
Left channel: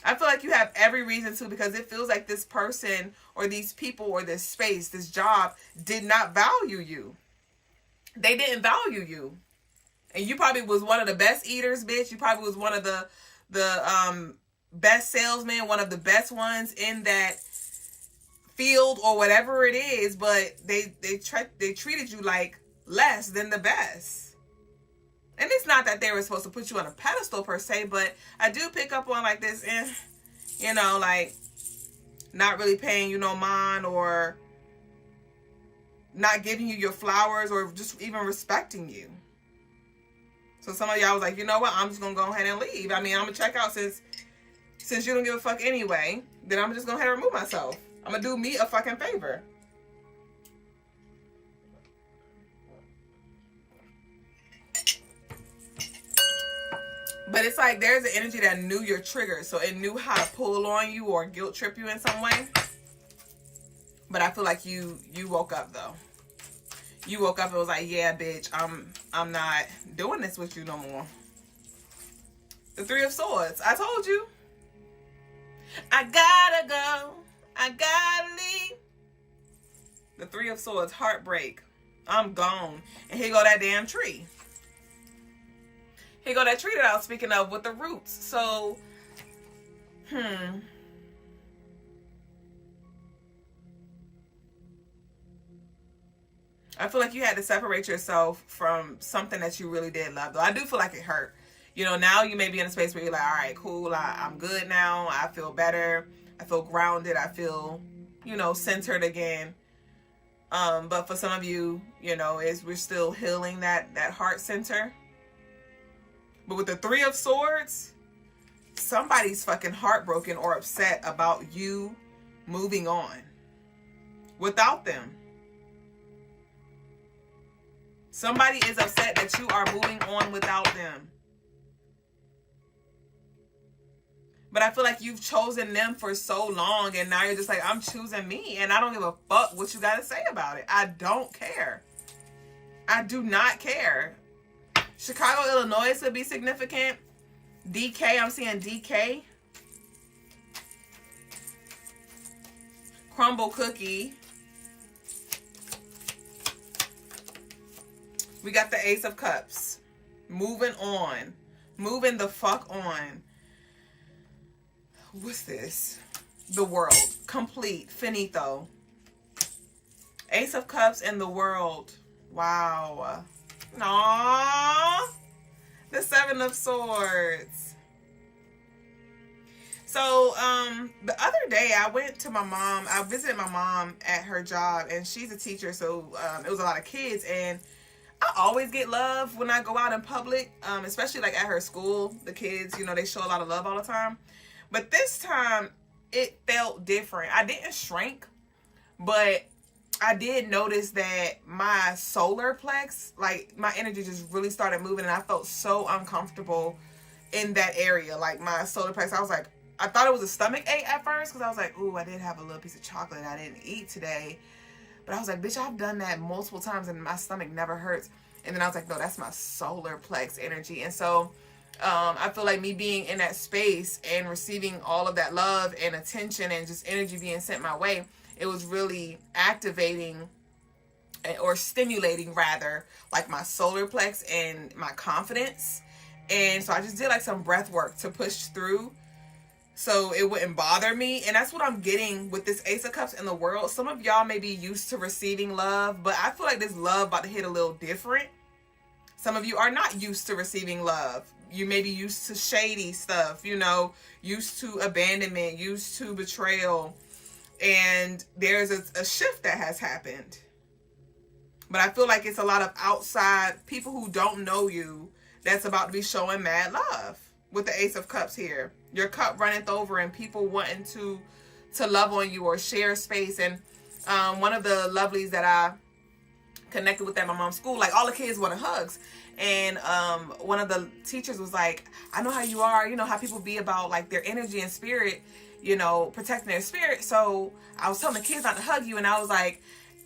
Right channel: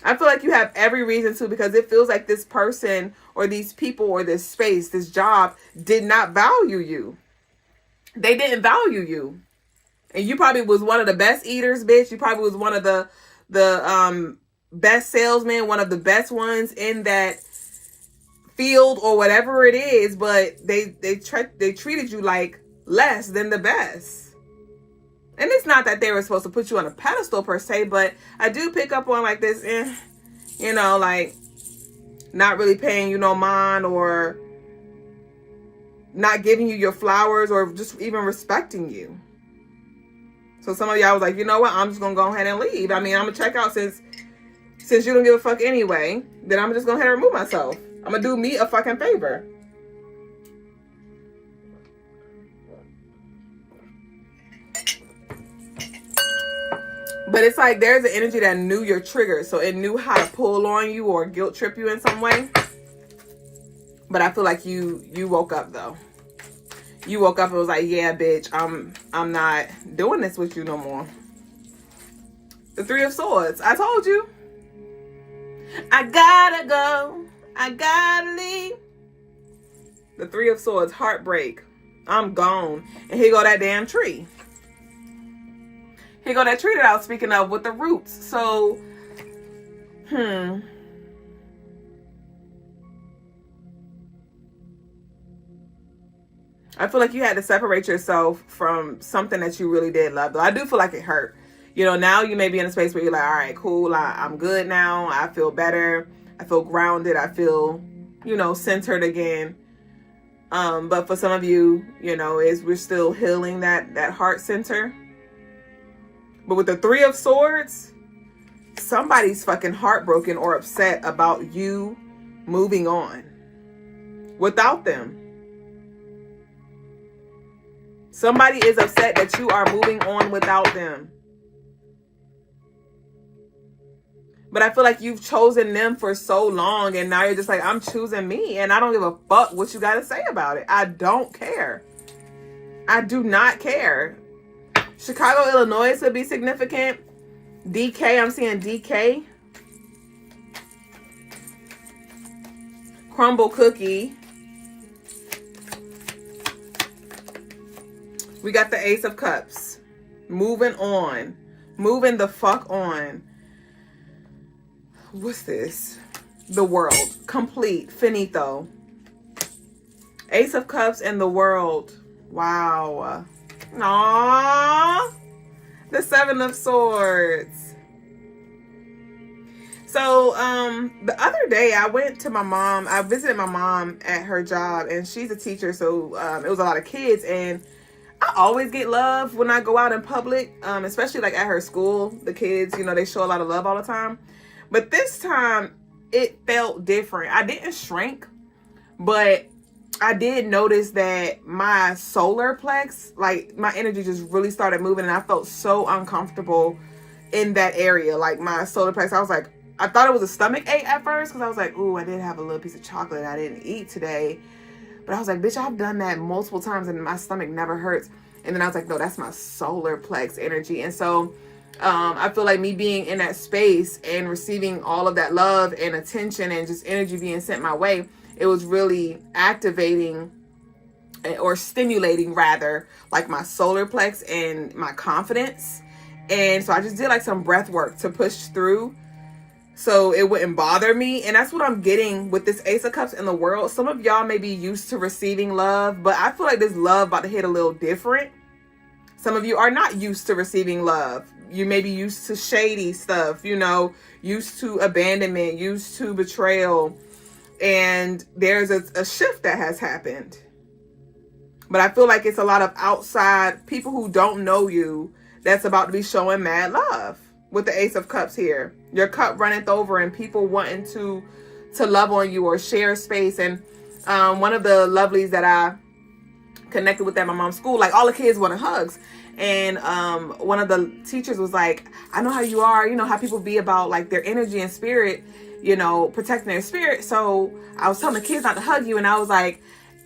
I feel like you have every reason to, because it feels like this person or these people or this space, this job did not value you. They didn't value you. And you probably was one of the best eaters, bitch. You probably was one of the best salesmen, one of the best ones in that field or whatever it is, but they treated you like less than the best. And it's not that they were supposed to put you on a pedestal per se, but I do pick up on like this, you know, like not really paying you no mind, or not giving you your flowers, or just even respecting you. So some of y'all was like, you know what, I'm just gonna go ahead and leave. I mean, I'm gonna check out since you don't give a fuck anyway, then I'm just gonna go ahead and remove myself. I'm gonna do me a fucking favor. But it's like there's an energy that knew your triggers, so it knew how to pull on you or guilt trip you in some way. But I feel like you woke up though. You woke up and was like, yeah, bitch, I'm not doing this with you no more. The Three of Swords. I told you. I gotta go. I gotta leave. The Three of Swords, heartbreak. I'm gone. And here go that damn tree. Here go that tree that I was speaking of with the roots. So, I feel like you had to separate yourself from something that you really did love. Though I do feel like it hurt. You know, now you may be in a space where you're like, all right, cool. I'm good now. I feel better. I feel grounded. I feel, you know, centered again. But for some of you, you know, we're still healing that heart center. But with the Three of Swords, somebody's fucking heartbroken or upset about you moving on without them. Somebody is upset that you are moving on without them. But I feel like you've chosen them for so long, and now you're just like, I'm choosing me, and I don't give a fuck what you got to say about it. I don't care. I do not care. Chicago, Illinois would be significant. DK, I'm seeing DK. Crumble cookie. We got the Ace of Cups. Moving on. Moving the fuck on. What's this? The World. Complete. Finito. Ace of Cups and the World. Wow. Aww. The Seven of Swords. So, the other day I went to my mom. I visited my mom at her job, and she's a teacher. So, it was a lot of kids, and I always get love when I go out in public, especially like at her school. The kids, you know, they show a lot of love all the time. But this time it felt different. I didn't shrink, but I did notice that my solar plex, like my energy just really started moving, and I felt so uncomfortable in that area. Like my solar plex, I was like, I thought it was a stomach ache at first, because I was like, ooh, I did have a little piece of chocolate I didn't eat today. But I was like, bitch, I've done that multiple times and my stomach never hurts. And then I was like, no, that's my solar plex energy. And so I feel like me being in that space and receiving all of that love and attention and just energy being sent my way, it was really activating or stimulating rather, like my solar plex and my confidence. And so I just did like some breath work to push through so it wouldn't bother me. And that's what I'm getting with this Ace of Cups in the world. Some of y'all may be used to receiving love, but I feel like this love about to hit a little different. Some of you are not used to receiving love. You may be used to shady stuff, you know, used to abandonment, used to betrayal. And there's a shift that has happened. But I feel like it's a lot of outside people who don't know you that's about to be showing mad love with the Ace of Cups here. Your cup runneth over and people wanting to love on you or share space. And one of the lovelies that I connected with at my mom's school, like all the kids wanted hugs. And one of the teachers was like, I know how you are, you know, how people be about like their energy and spirit, you know, protecting their spirit. So I was telling the kids not to hug you. And I was like,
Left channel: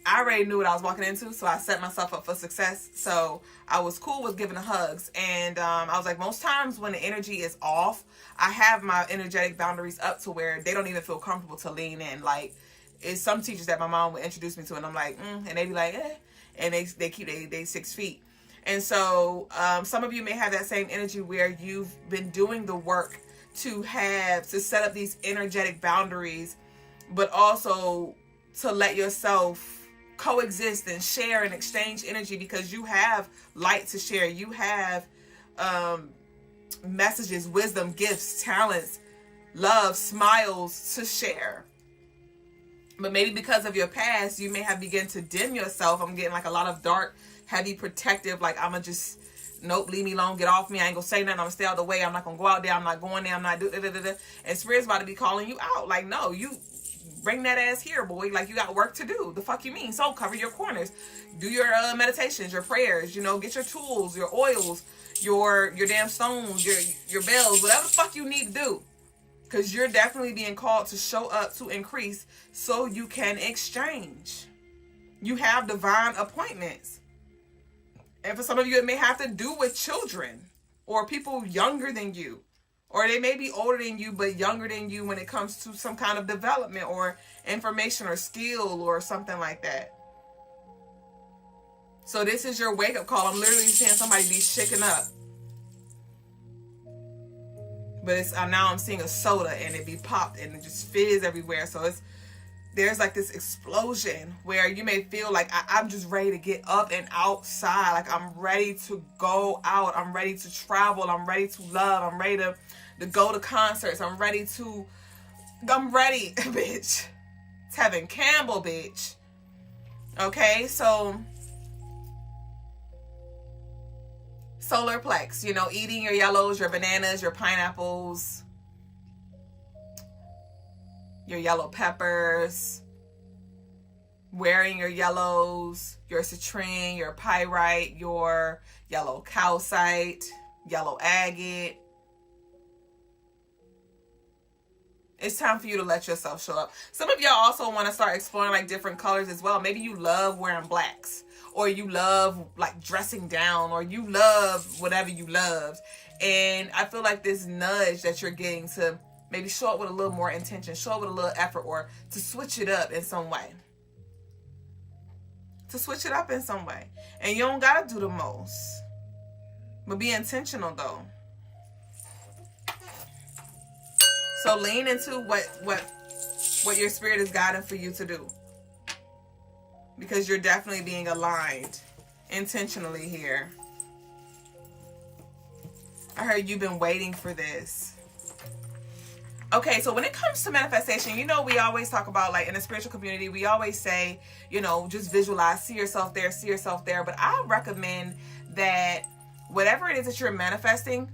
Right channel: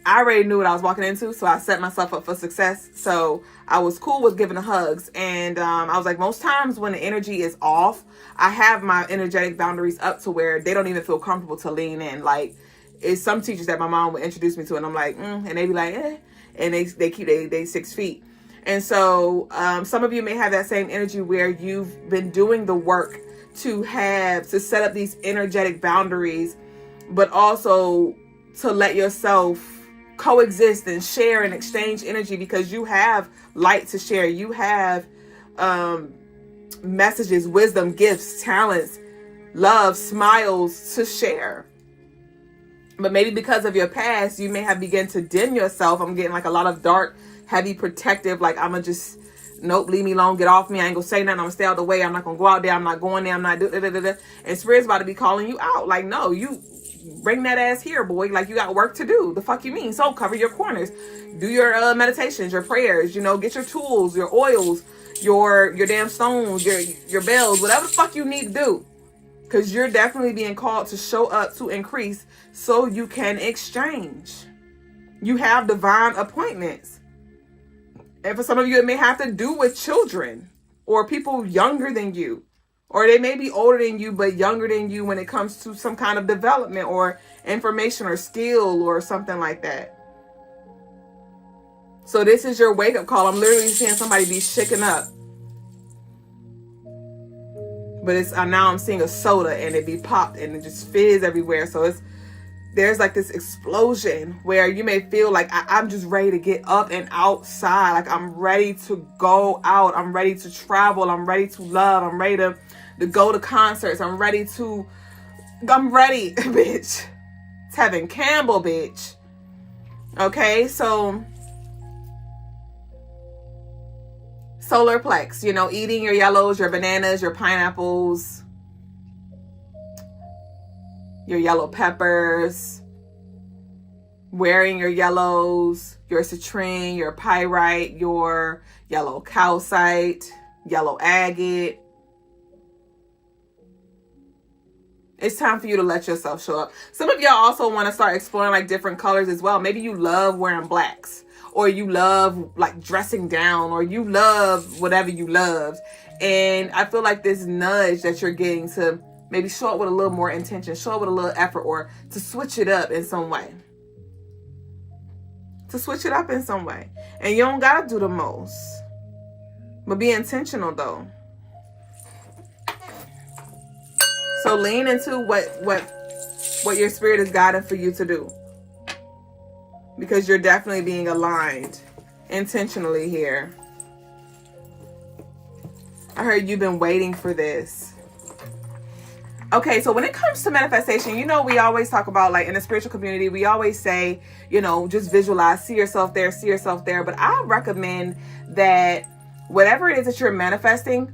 I already knew what I was walking into, so I set myself up for success. So I was cool with giving the hugs. And I was like, most times when the energy is off, I have my energetic boundaries up to where they don't even feel comfortable to lean in. Like, it's some teachers that my mom would introduce me to, and I'm like, and they be like, eh. And they keep they 6 feet. And so some of you may have that same energy where you've been doing the work to set up these energetic boundaries, but also to let yourself coexist and share and exchange energy, because you have light to share. You have messages, wisdom, gifts, talents, love, smiles to share. But maybe because of your past, you may have begun to dim yourself. I'm getting like a lot of dark, heavy, protective, like I'm gonna just, nope, leave me alone, get off me, I ain't gonna say nothing, I'm gonna stay out the way, I'm not gonna go out there, I'm not going there, I'm not doing da. And Spirit's about to be calling you out. Like, no, you bring that ass here, boy. Like, you got work to do. The fuck you mean? So cover your corners, do your meditations, your prayers, you know, get your tools, your oils, your damn stones, your bells, whatever the fuck you need to do. Because you're definitely being called to show up, to increase, so you can exchange. You have divine appointments. And for some of you, it may have to do with children or people younger than you. Or they may be older than you, but younger than you when it comes to some kind of development or information or skill or something like that. So this is your wake-up call. I'm literally seeing somebody be shaken up. But now I'm seeing a soda and it be popped and it just fizz everywhere. So there's like this explosion where you may feel like I'm just ready to get up and outside. Like I'm ready to go out. I'm ready to travel. I'm ready to love. I'm ready to go to concerts. I'm ready, bitch. Tevin Campbell, bitch. Okay, so solar plex, you know, eating your yellows, your bananas, your pineapples, your yellow peppers, wearing your yellows, your citrine, your pyrite, your yellow calcite, yellow agate. It's time for you to let yourself show up. Some of y'all also want to start exploring like different colors as well. Maybe you love wearing blacks, or you love like dressing down, or you love whatever you love. And I feel like this nudge that you're getting to maybe show up with a little more intention, show up with a little effort, or to switch it up in some way. And you don't gotta do the most, but be intentional though. So lean into what your spirit is guiding for you to do, because you're definitely being aligned intentionally here. I heard you've been waiting for this. Okay, so when it comes to manifestation, you know, we always talk about, like, in the spiritual community, we always say, you know, just visualize, see yourself there, see yourself there. But I recommend that whatever it is that you're manifesting,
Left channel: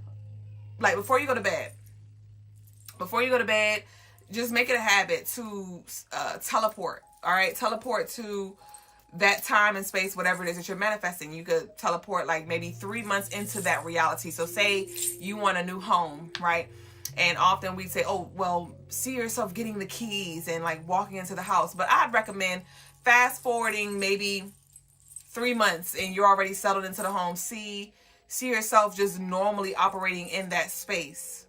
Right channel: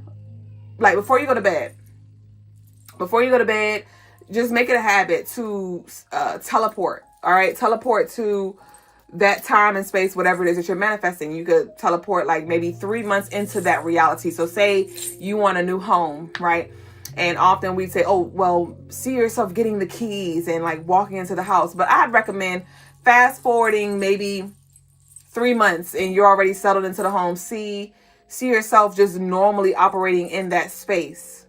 like before you go to bed, just make it a habit to teleport. All right, teleport to that time and space, whatever it is that you're manifesting. You could teleport like maybe 3 months into that reality. So say you want a new home, right? And often we say, oh, well, see yourself getting the keys and like walking into the house. But I'd recommend fast forwarding maybe 3 months and you're already settled into the home. See yourself just normally operating in that space.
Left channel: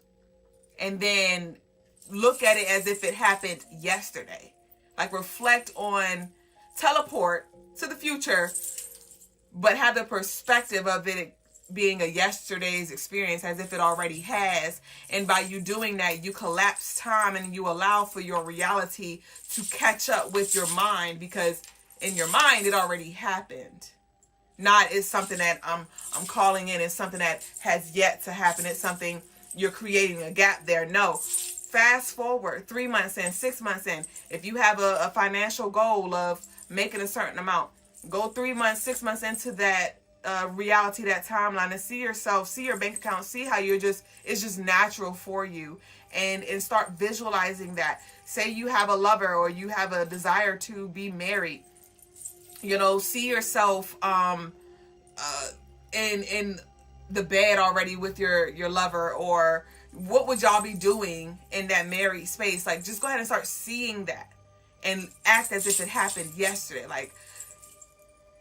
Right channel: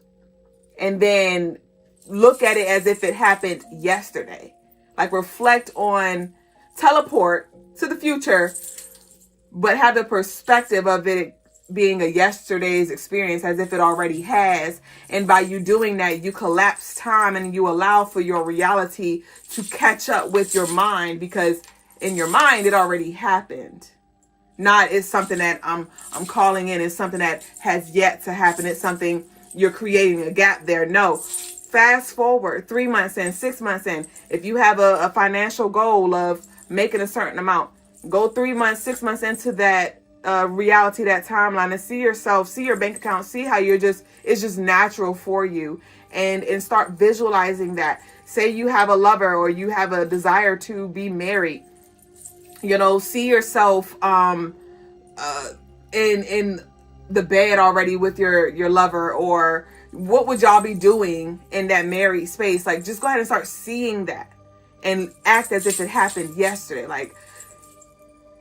And then look at it as if it happened yesterday. Like reflect on, teleport to the future, but have the perspective of it being a yesterday's experience as if it already has. And by you doing that, you collapse time and you allow for your reality to catch up with your mind, because in your mind, it already happened. Not it's something that I'm calling in, it's something that has yet to happen. It's something you're creating a gap there. No, fast forward 3 months in, 6 months in. If you have a financial goal of making a certain amount, go 3 months, 6 months into that reality, that timeline, and see yourself, see your bank account, see how it's just natural for you, and start visualizing that. Say you have a lover or you have a desire to be married, you know, see yourself in the bed already with your lover, or what would y'all be doing in that married space? Like, just go ahead and start seeing that and act as if it happened yesterday. Like,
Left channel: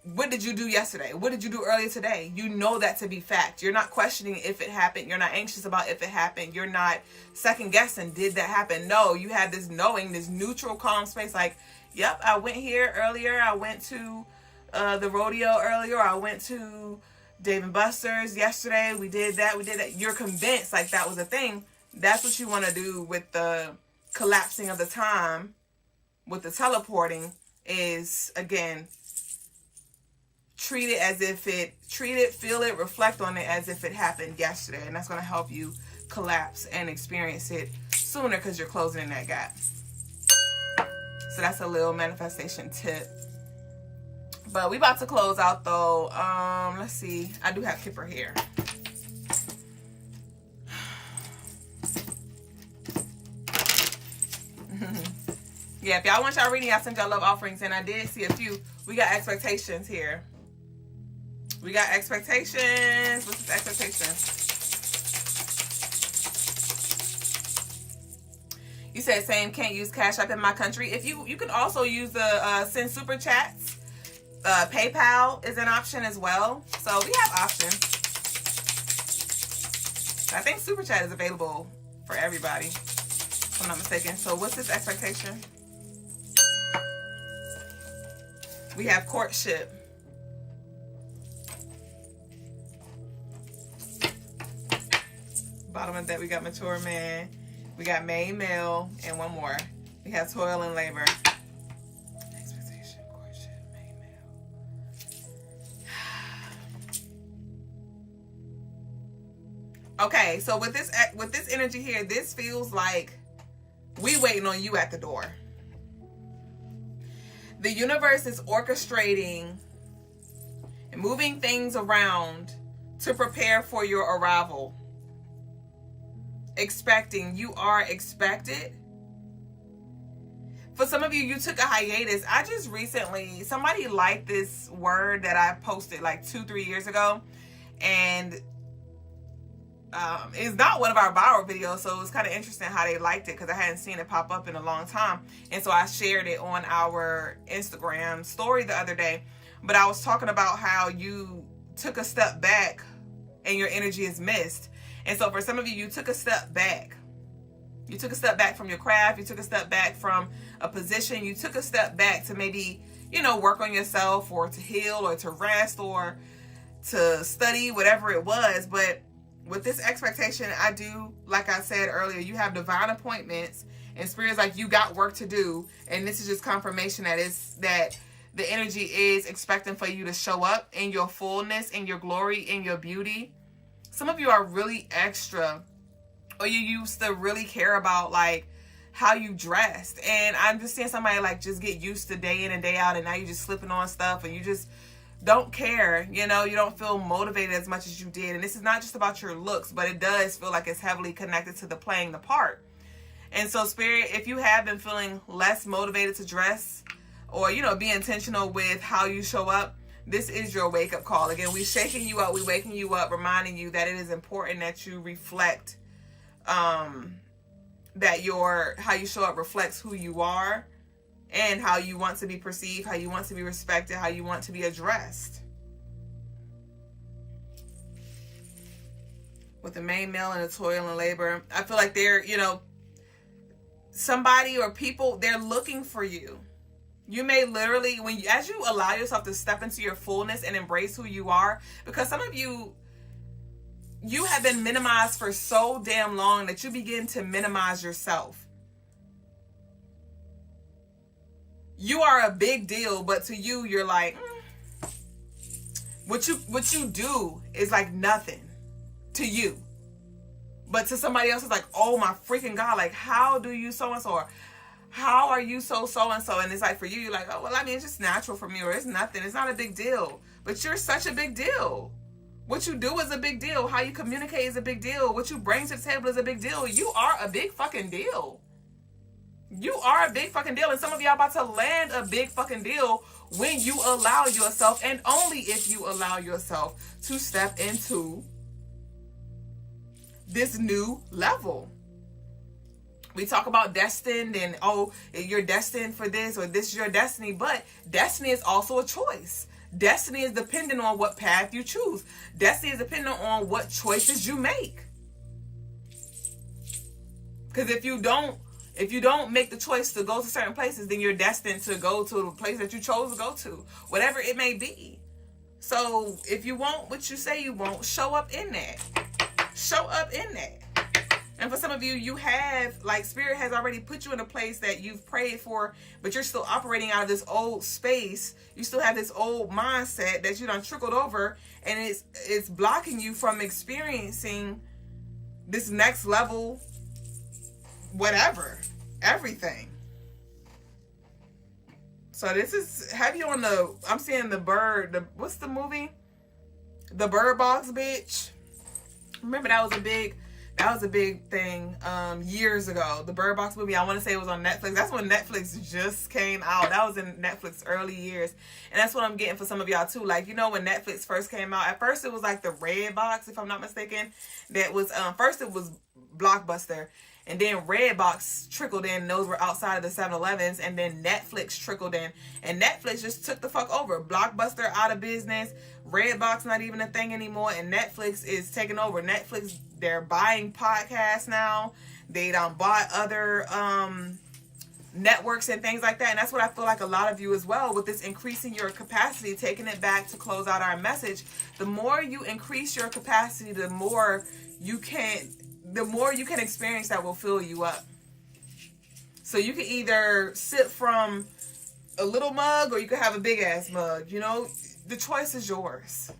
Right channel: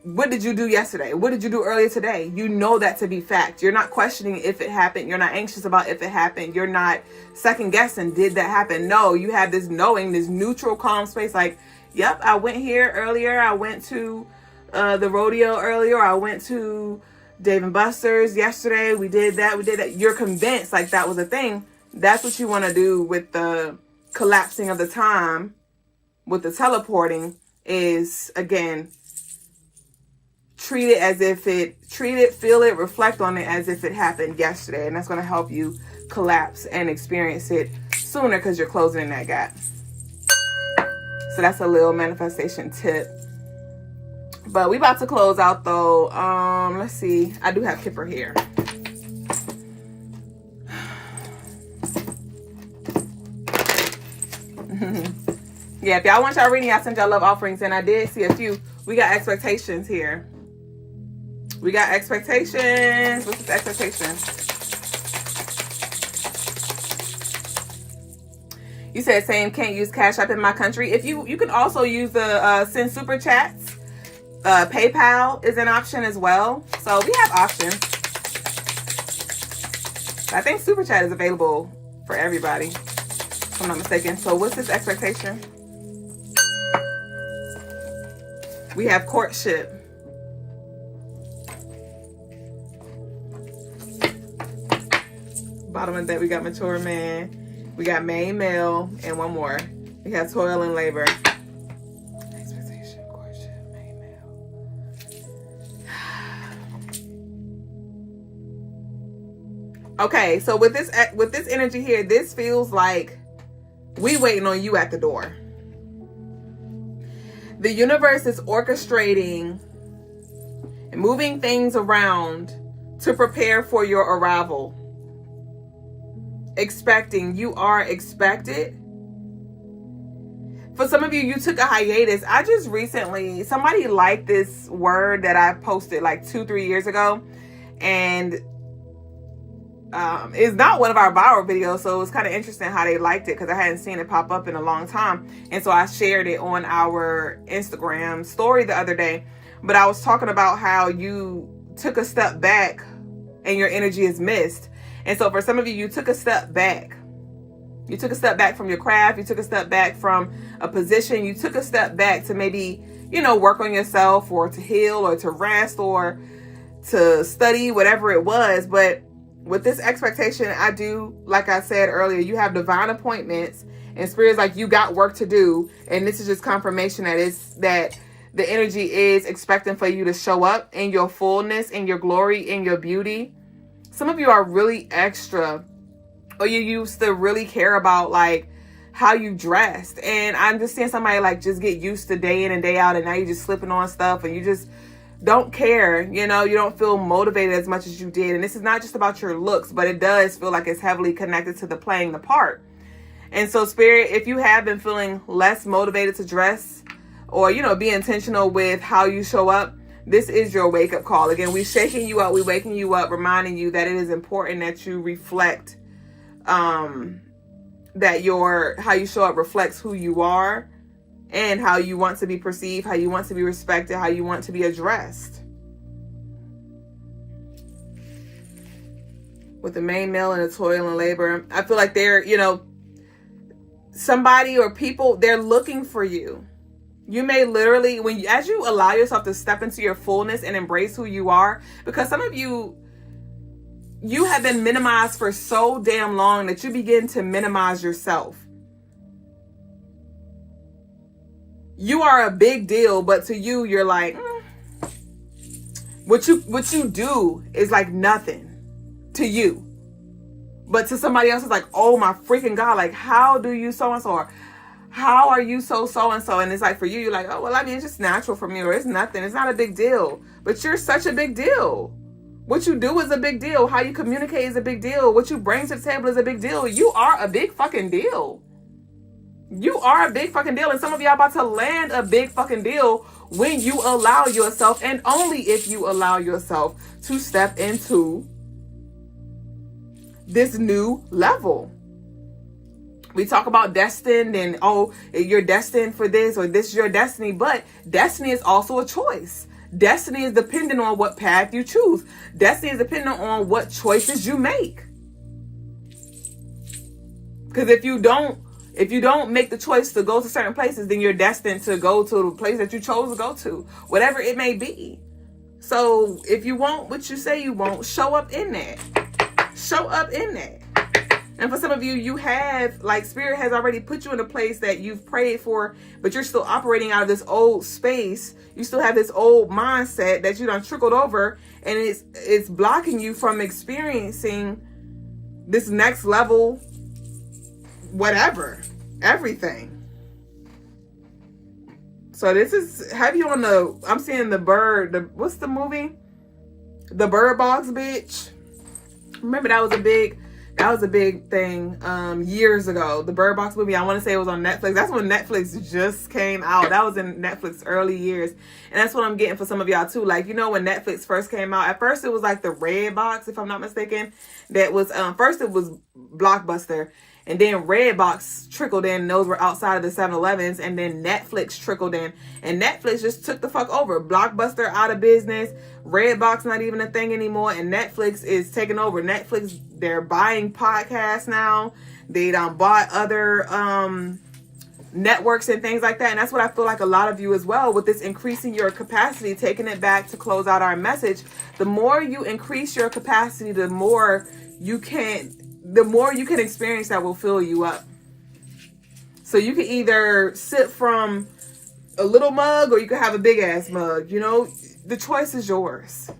what did you do yesterday? What did you do earlier today? You know that to be fact. You're not questioning if it happened. You're not anxious about if it happened. You're not second guessing, did that happen? No, you have this knowing, this neutral, calm space. Like, yep, I went here earlier. I went to the rodeo earlier. I went to Dave & Buster's yesterday. We did that. You're convinced like that was a thing. That's what you want to do with the collapsing of the time, with the teleporting, is, again, feel it, reflect on it as if it happened yesterday. And that's going to help you collapse and experience it sooner, because you're closing in that gap. So that's a little manifestation tip. But we about to close out though. Let's see. I do have Kipper here. Yeah, if y'all want y'all reading, I sent y'all love offerings, and I did see a few. We got expectations here. We got expectations. What's this expectation? You said same, can't use Cash App in my country. If you can also use the send super chats. PayPal is an option as well. So we have options. I think super chat is available for everybody, if I'm not mistaken. So what's this expectation? We have courtship. Bottom of that, we got mature man. We got main male, and one more. We have toil and labor. Expectation, courtship, main male. Okay, so with this energy here, this feels like we waiting on you at the door. The universe is orchestrating and moving things around to prepare for your arrival. You are expected. For some of you, you took a hiatus. I just recently, somebody liked this word that I posted like 2-3 years ago, and it's not one of our viral videos, so it's kind of interesting how they liked it, because I hadn't seen it pop up in a long time. And so I shared it on our Instagram story the other day. But I was talking about how you took a step back and your energy is missed. And so for some of you, you took a step back. You took a step back from your craft. You took a step back from a position. You took a step back to maybe, work on yourself, or to heal, or to rest, or to study, whatever it was. But with this expectation, I do, like I said earlier, you have divine appointments, and Spirit's like, you got work to do. And this is just confirmation that the energy is expecting for you to show up in your fullness, in your glory, in your beauty. Some of you are really extra or you used to really care about like how you dressed. And I'm just seeing somebody like just get used to day in and day out, and now you're just slipping on stuff and you just don't care, you know, you don't feel motivated as much as you did. And this is not just about your looks, but it does feel like it's heavily connected to the playing the part. And so Spirit, if you have been feeling less motivated to dress, or, you know, be intentional with how you show up, this is your wake up call. Again, we're shaking you up, we're waking you up, reminding you that it is important that you reflect, that how you show up reflects who you are, and how you want to be perceived, how you want to be respected, how you want to be addressed. With the main male and the toil and labor, I feel like they're, you know, somebody or people, they're looking for you. You may literally, as you allow yourself to step into your fullness and embrace who you are, because some of you have been minimized for so damn long that you begin to minimize yourself. You are a big deal, but to you, you're like, what you do is like nothing to you. But to somebody else, it's like, oh my freaking God, like, how do you so-and-so? Or how are you so-and-so? And it's like, for you, you're like, oh, well, I mean, it's just natural for me, or it's nothing. It's not a big deal. But you're such a big deal. What you do is a big deal. How you communicate is a big deal. What you bring to the table is a big deal. You are a big fucking deal. You are a big fucking deal. And some of y'all about to land a big fucking deal when you allow yourself, and only if you allow yourself, to step into this new level. We talk about destined and, oh, you're destined for this, or this is your destiny. But destiny is also a choice. Destiny is dependent on what path you choose. Destiny is dependent on what choices you make. Because if you don't make the choice to go to certain places, then you're destined to go to the place that you chose to go to, whatever it may be. So if you want what you say you want, show up in that. Show up in that. And for some of you, you have, like, Spirit has already put you in a place that you've prayed for, but you're still operating out of this old space. You still have this old mindset that you done trickled over, and it's blocking you from experiencing this next level, whatever, everything. So this is heavy on I'm seeing what's the movie? The Bird Box, bitch. Remember that was a big thing years ago. The Bird Box movie, I want to say it was on Netflix. That's when Netflix just came out. That was in Netflix early years. And that's what I'm getting for some of y'all too. Like, you know, when Netflix first came out, at first it was like the Red Box, if I'm not mistaken. That was, first it was Blockbuster. And then Redbox trickled in. Those were outside of the 7-Elevens. And then Netflix trickled in. And Netflix just took the fuck over. Blockbuster out of business. Redbox not even a thing anymore. And Netflix is taking over. Netflix, they're buying podcasts now. They bought other networks and things like that. And that's what I feel like a lot of you as well, with this increasing your capacity, taking it back to close out our message. The more you increase your capacity, the more you can experience that will fill you up. So you can either sip from a little mug, or you can have a big ass mug. You know, the choice is yours.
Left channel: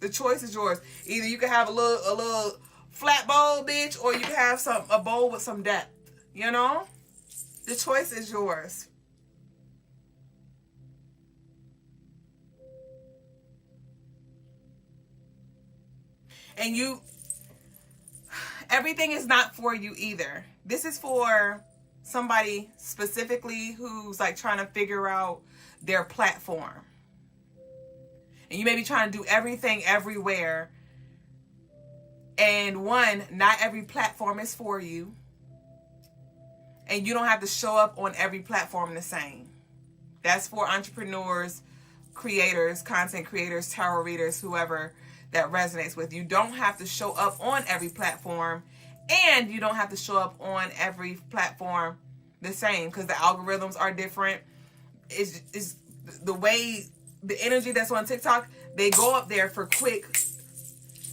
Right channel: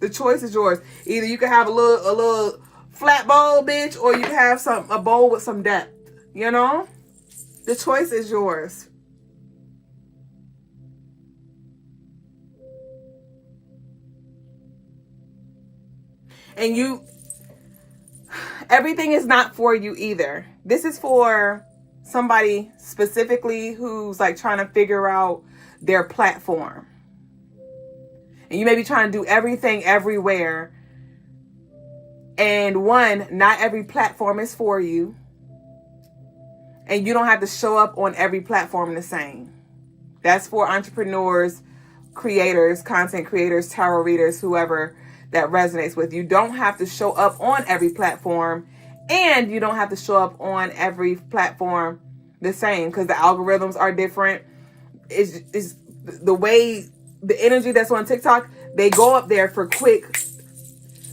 The choice is yours. Either you can have a little flat bowl, bitch, or you can have a bowl with some depth. You know, the choice is yours. And everything is not for you either. This is for somebody specifically who's like trying to figure out their platform. And you may be trying to do everything everywhere. And not every platform is for you. And you don't have to show up on every platform the same. That's for entrepreneurs, creators, content creators, tarot readers, whoever that resonates with. You don't have to show up on every platform, and you don't have to show up on every platform the same, because the algorithms are different. Is the way the energy that's on TikTok, they go up there for quick,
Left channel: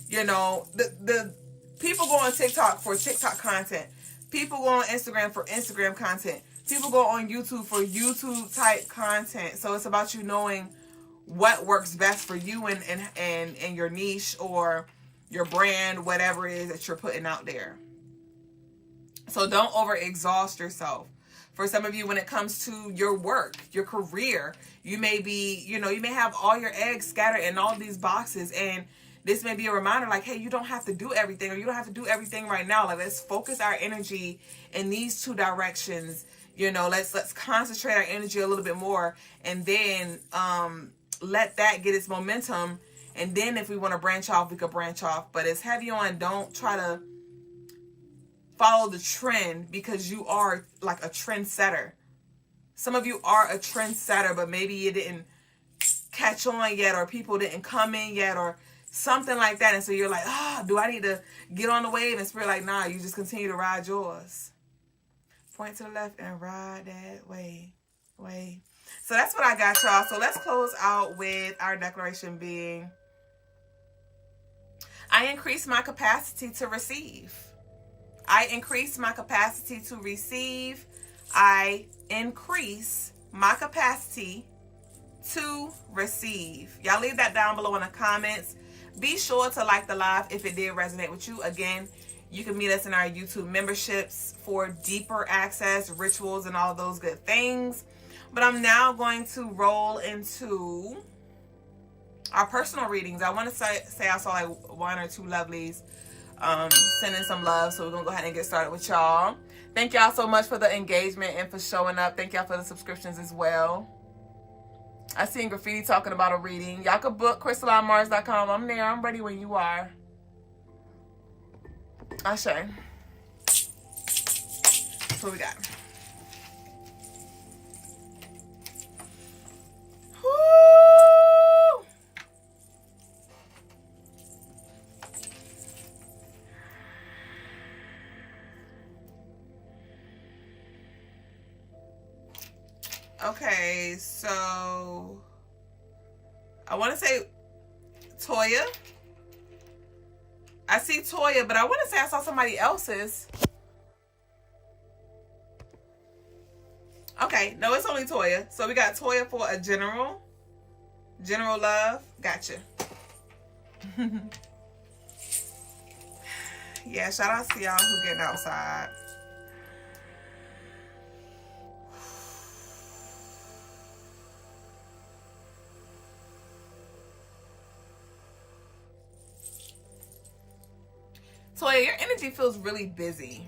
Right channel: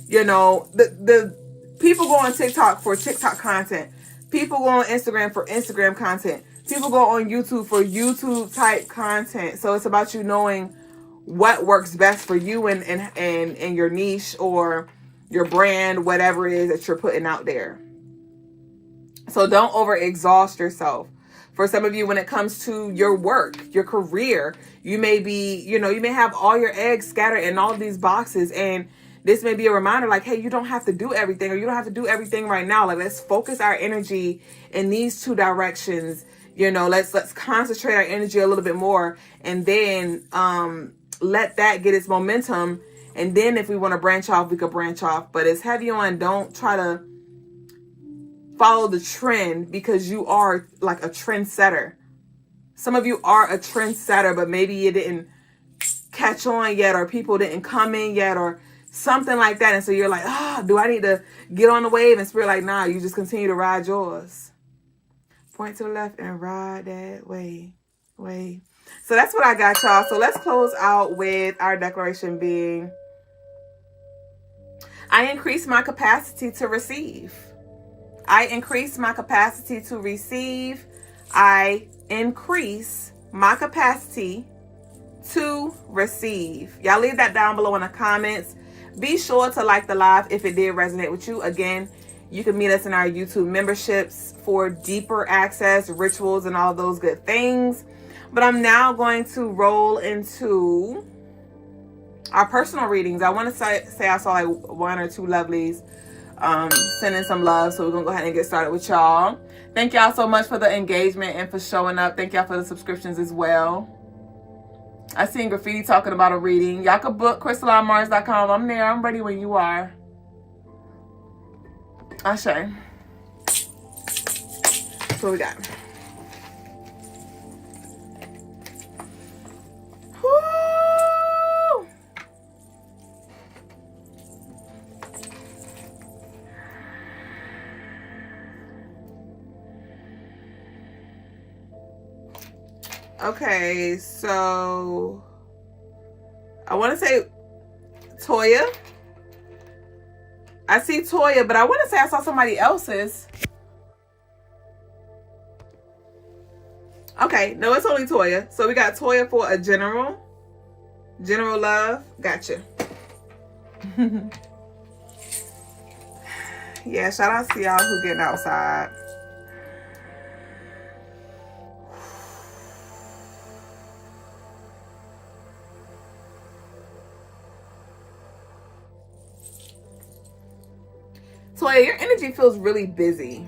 you know, the people go on TikTok for TikTok content. People go on Instagram for Instagram content. People go on YouTube for YouTube type content. So it's about you knowing what works best for you and your niche or your brand, whatever it is that you're putting out there. So don't overexhaust yourself. For some of you, when it comes to your work, your career, you may be, you may have all your eggs scattered in all of these boxes. And this may be a reminder like, hey, you don't have to do everything, or you don't have to do everything right now. Like, let's focus our energy in these two directions. Let's concentrate our energy a little bit more, and then let that get its momentum. And then if we want to branch off, we could branch off. But it's heavy on, don't try to follow the trend, because you are like a trendsetter. Some of you are a trendsetter, but maybe you didn't catch on yet, or people didn't come in yet, or something like that. And so you're like, do I need to get on the wave? And Spirit like, nah, you just continue to ride yours. Point to the left and ride that way. So that's what I got, y'all. So let's close out with our declaration being, I increase my capacity to receive. I increase my capacity to receive. I increase my capacity to receive. Y'all leave that down below in the comments. Be sure to like the live if it did resonate with you. Again, you can meet us in our YouTube memberships for deeper access, rituals, and all of those good things. But I'm now going to roll into our personal readings. I want to say I saw like one or two lovelies sending some love, so we're gonna go ahead and get started with y'all. Thank y'all so much for the engagement and for showing up. Thank y'all for the subscriptions as well. I seen Graffiti talking about a reading. Y'all can book CrystalineMars.com. I'm there. I'm ready when you are. Ashe. That's what we got. Woo! Okay, so I want to say Toya. I see Toya, but I want to say I saw somebody else's. Okay, no, it's only Toya. So we got Toya for a general love. Gotcha. Yeah, shout out to y'all who getting outside. Toya, your energy feels really busy.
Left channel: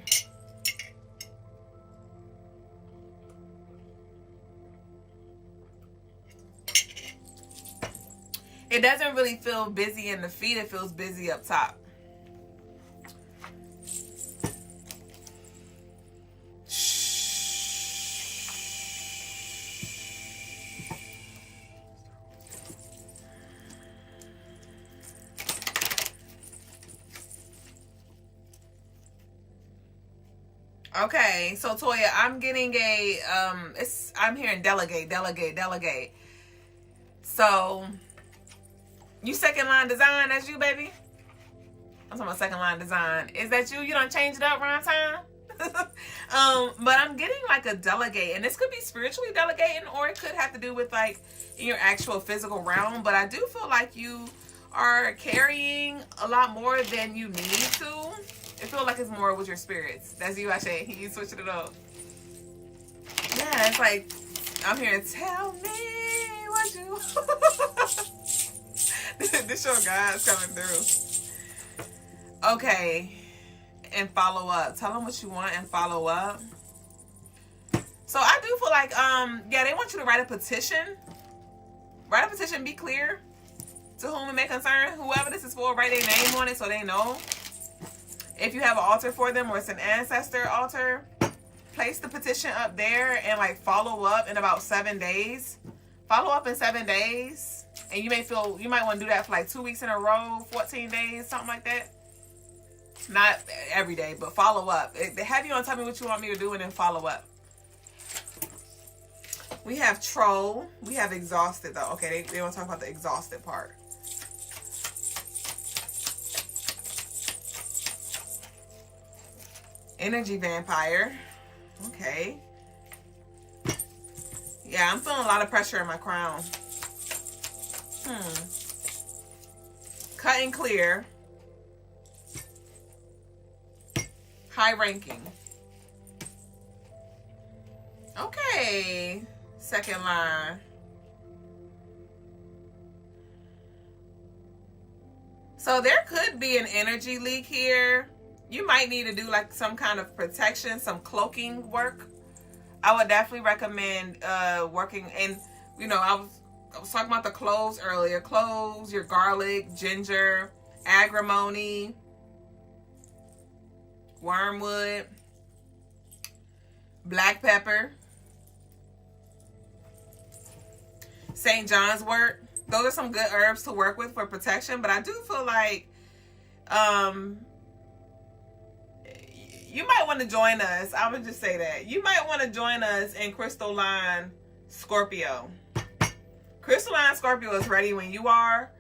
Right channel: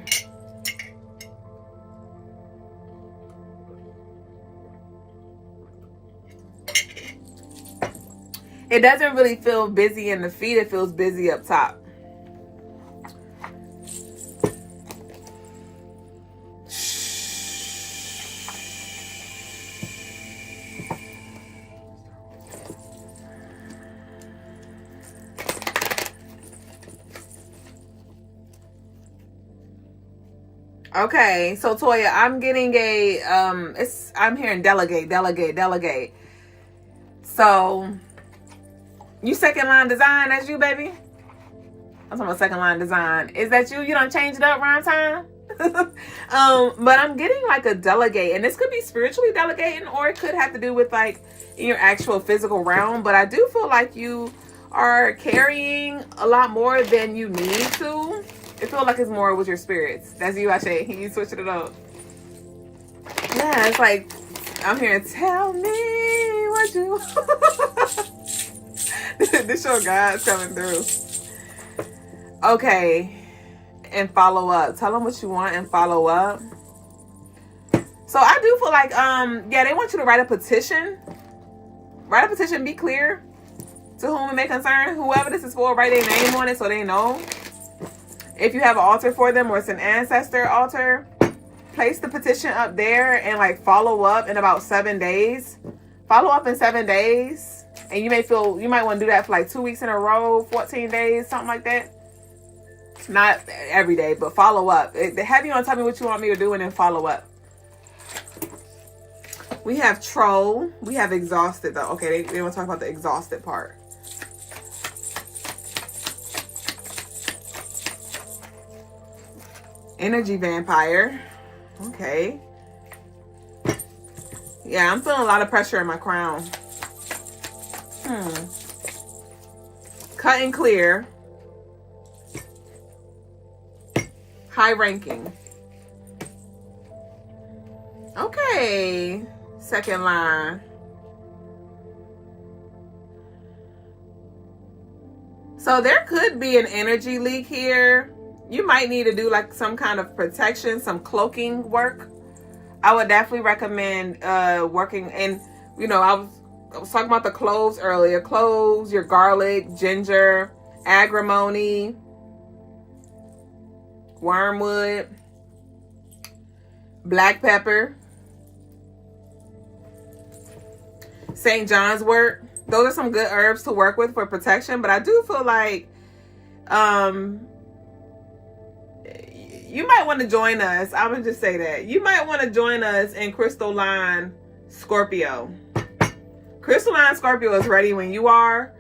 It doesn't really feel busy in the feet. It feels busy up top. Okay, so Toya, I'm getting a I'm hearing delegate. So you second line design, that's you, baby? I'm talking about second line design. Is that you? You don't change it up around time? But I'm getting like a delegate, and this could be spiritually delegating, or it could have to do with like in your actual physical realm. But I do feel like you are carrying a lot more than you need to. It feels like it's more with your spirits. That's you, Ashe. You switching it up. Yeah, it's like I'm hearing, tell me what you this your God's coming through. Okay. And follow up. Tell them what you want and follow up. So I do feel like yeah, they want you to write a petition. Write a petition, be clear to whom it may concern. Whoever this is for, write their name on it so they know. If you have an altar for them, or it's an ancestor altar, place the petition up there and like follow up in about 7 days. Follow up in 7 days. And you might want to do that for like 2 weeks in a row, 14 days, something like that. Not every day, but follow up. Have you on tell me what you want me to do and then follow up. We have troll. We have exhausted though. Okay, they want to talk about the exhausted part. Energy vampire. Okay. Yeah, I'm feeling a lot of pressure in my crown. Cut and clear. High ranking. Okay, second line. So there could be an energy leak here. You might need to do like some kind of protection, some cloaking work. I would definitely recommend working. And you know, I was talking about the cloves earlier. Cloves, your garlic, ginger, agrimony, wormwood, black pepper, St. John's wort. Those are some good herbs to work with for protection. But I do feel like you might want to join us. I'm going to just say that. You might want to join us in Crystaline Scorpio. Crystaline Scorpio is ready when you are.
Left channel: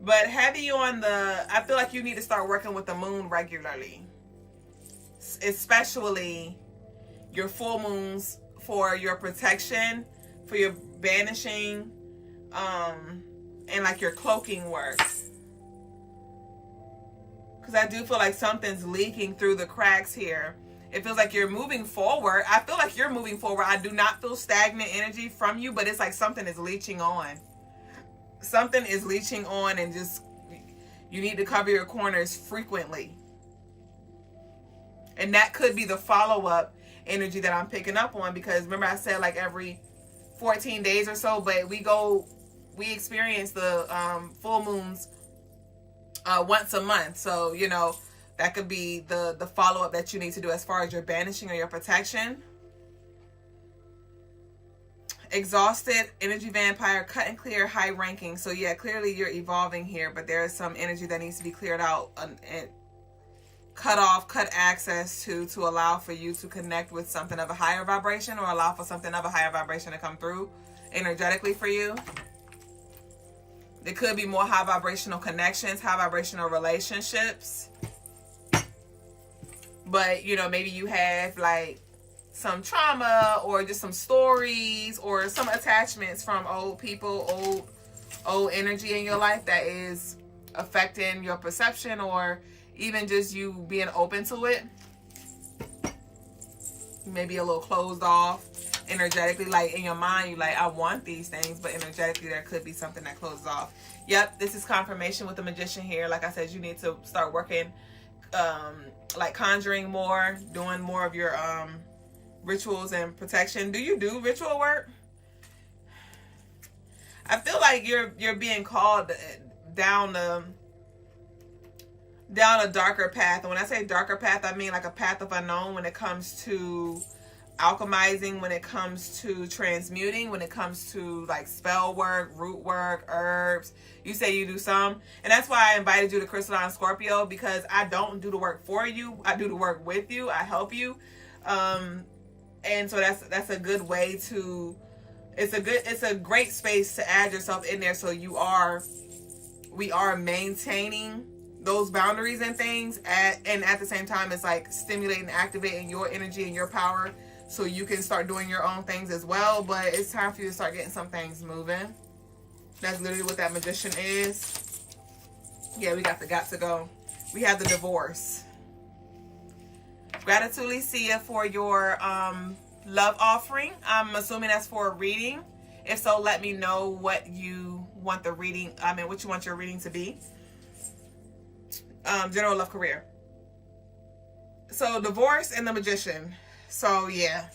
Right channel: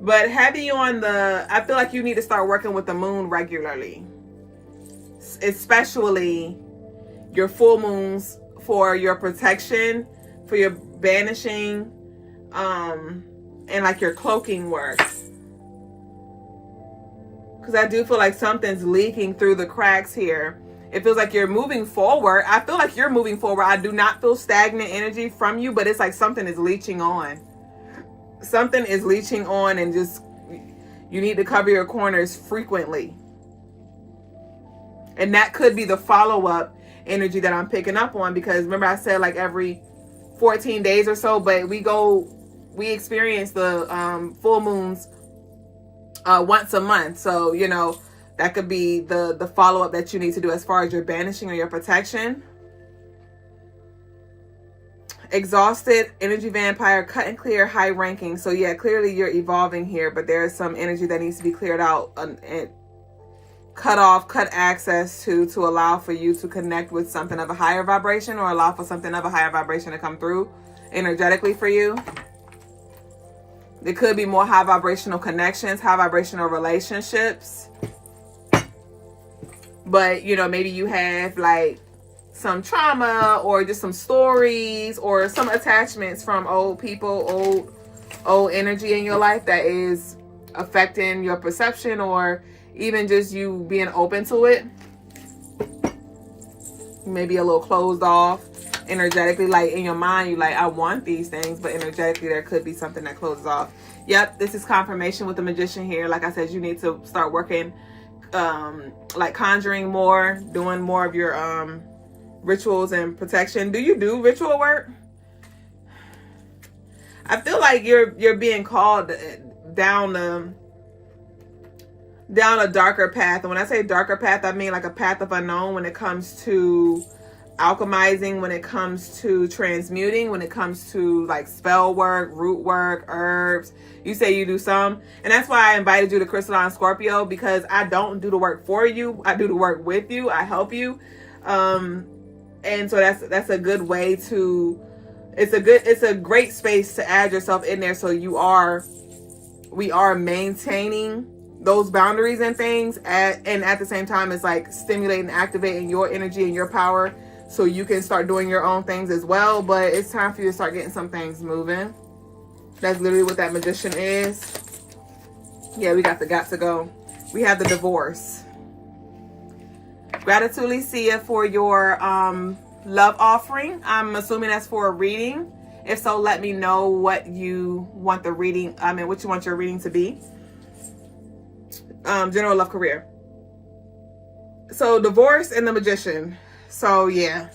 But heavy on I feel like you need to start working with the moon regularly. Especially your full moons for your protection, for your banishing, and like your cloaking work. Because I do feel like something's leaking through the cracks here. It feels like you're moving forward. I feel like you're moving forward. I do not feel stagnant energy from you, but it's like something is leaching on. Something is leaching on, and just you need to cover your corners frequently. And that could be the follow-up energy that I'm picking up on, because remember I said like every 14 days or so, but we experience the full moons once a month. So, you know, that could be the follow-up that you need to do as far as your banishing or your protection. Exhausted, energy vampire, cut and clear, high ranking. So yeah, clearly you're evolving here, but there is some energy that needs to be cleared out and cut off, cut access to allow for you to connect with something of a higher vibration, or allow for something of a higher vibration to come through energetically for you. There could be more high vibrational connections, high vibrational relationships. But, you know, maybe you have like some trauma or just some stories or some attachments from old people, old energy in your life that is affecting your perception, or even just you being open to it. Maybe a little closed off energetically, like in your mind, you like, I want these things, but energetically there could be something that closes off. Yep, this is confirmation with the Magician here. Like I said, you need to start working, like conjuring more, doing more of your rituals and protection. Do you do ritual work? I feel like you're being called down a darker path. And when I say darker path, I mean like a path of unknown when it comes to alchemizing, when it comes to transmuting, when it comes to like spell work, root work, herbs. You say you do some, and that's why I invited you to Crystaline Scorpio, because I don't do the work for you. I do the work with you. I help you. And so that's a good way to, it's a great space to add yourself in there. So we are maintaining those boundaries and things and at the same time it's like stimulating, activating your energy and your power so you can start doing your own things as well. But it's time for you to start getting some things moving. That's literally what that Magician is. Yeah, we got to go. We have the Divorce. Gratitude, Licia, for your love offering. I'm assuming that's for a reading. If so, let me know what you want the reading, what you want your reading to be. General love, career. So Divorce and the Magician. So yeah,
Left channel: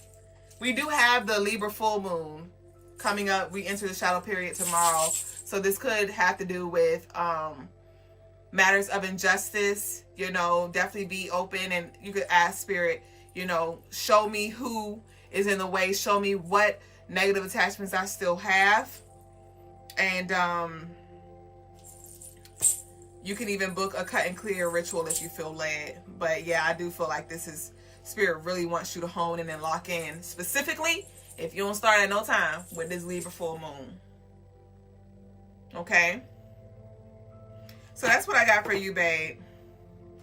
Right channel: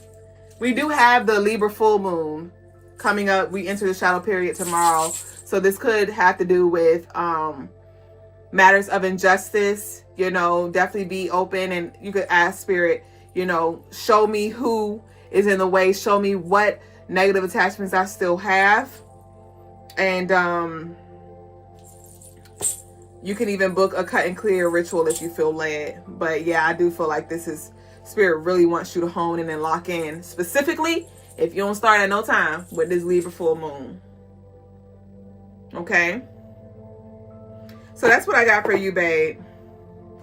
we do have the Libra full moon coming up. We enter the shadow period tomorrow. So this could have to do with matters of injustice. You know, definitely be open, and you could ask Spirit, you know, show me who is in the way. Show me what negative attachments I still have. And you can even book a cut and clear ritual if you feel led. But yeah, I do feel like this is, Spirit really wants you to hone in and lock in. Specifically, if you don't start at no time with this Libra full moon. Okay? So that's what I got for you, babe.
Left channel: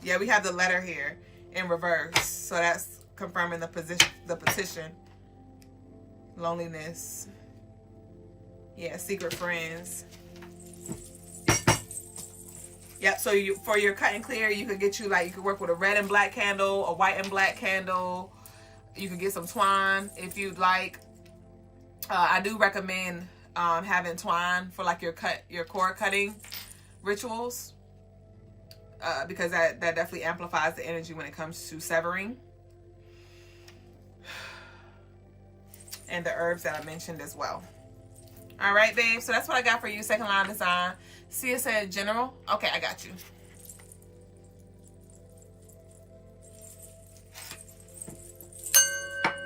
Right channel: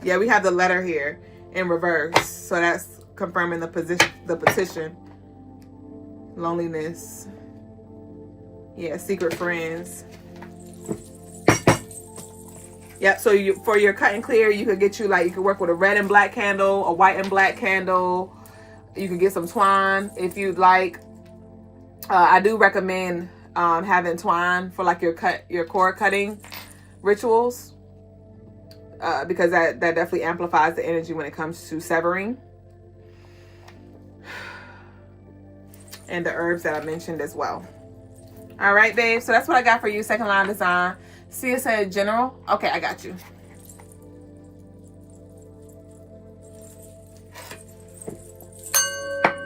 Yeah, we have the letter here in reverse. So that's confirming the petition. Loneliness. Yeah, secret friends. Yep, so for your cut and clear, you could you could work with a red and black candle, a white and black candle. You could get some twine if you'd like. I do recommend having twine for like your cord cutting rituals, because that definitely amplifies the energy when it comes to severing. And the herbs that I mentioned as well. All right, babe. So that's what I got for you. Second line design. Sia said general. Okay, I got you.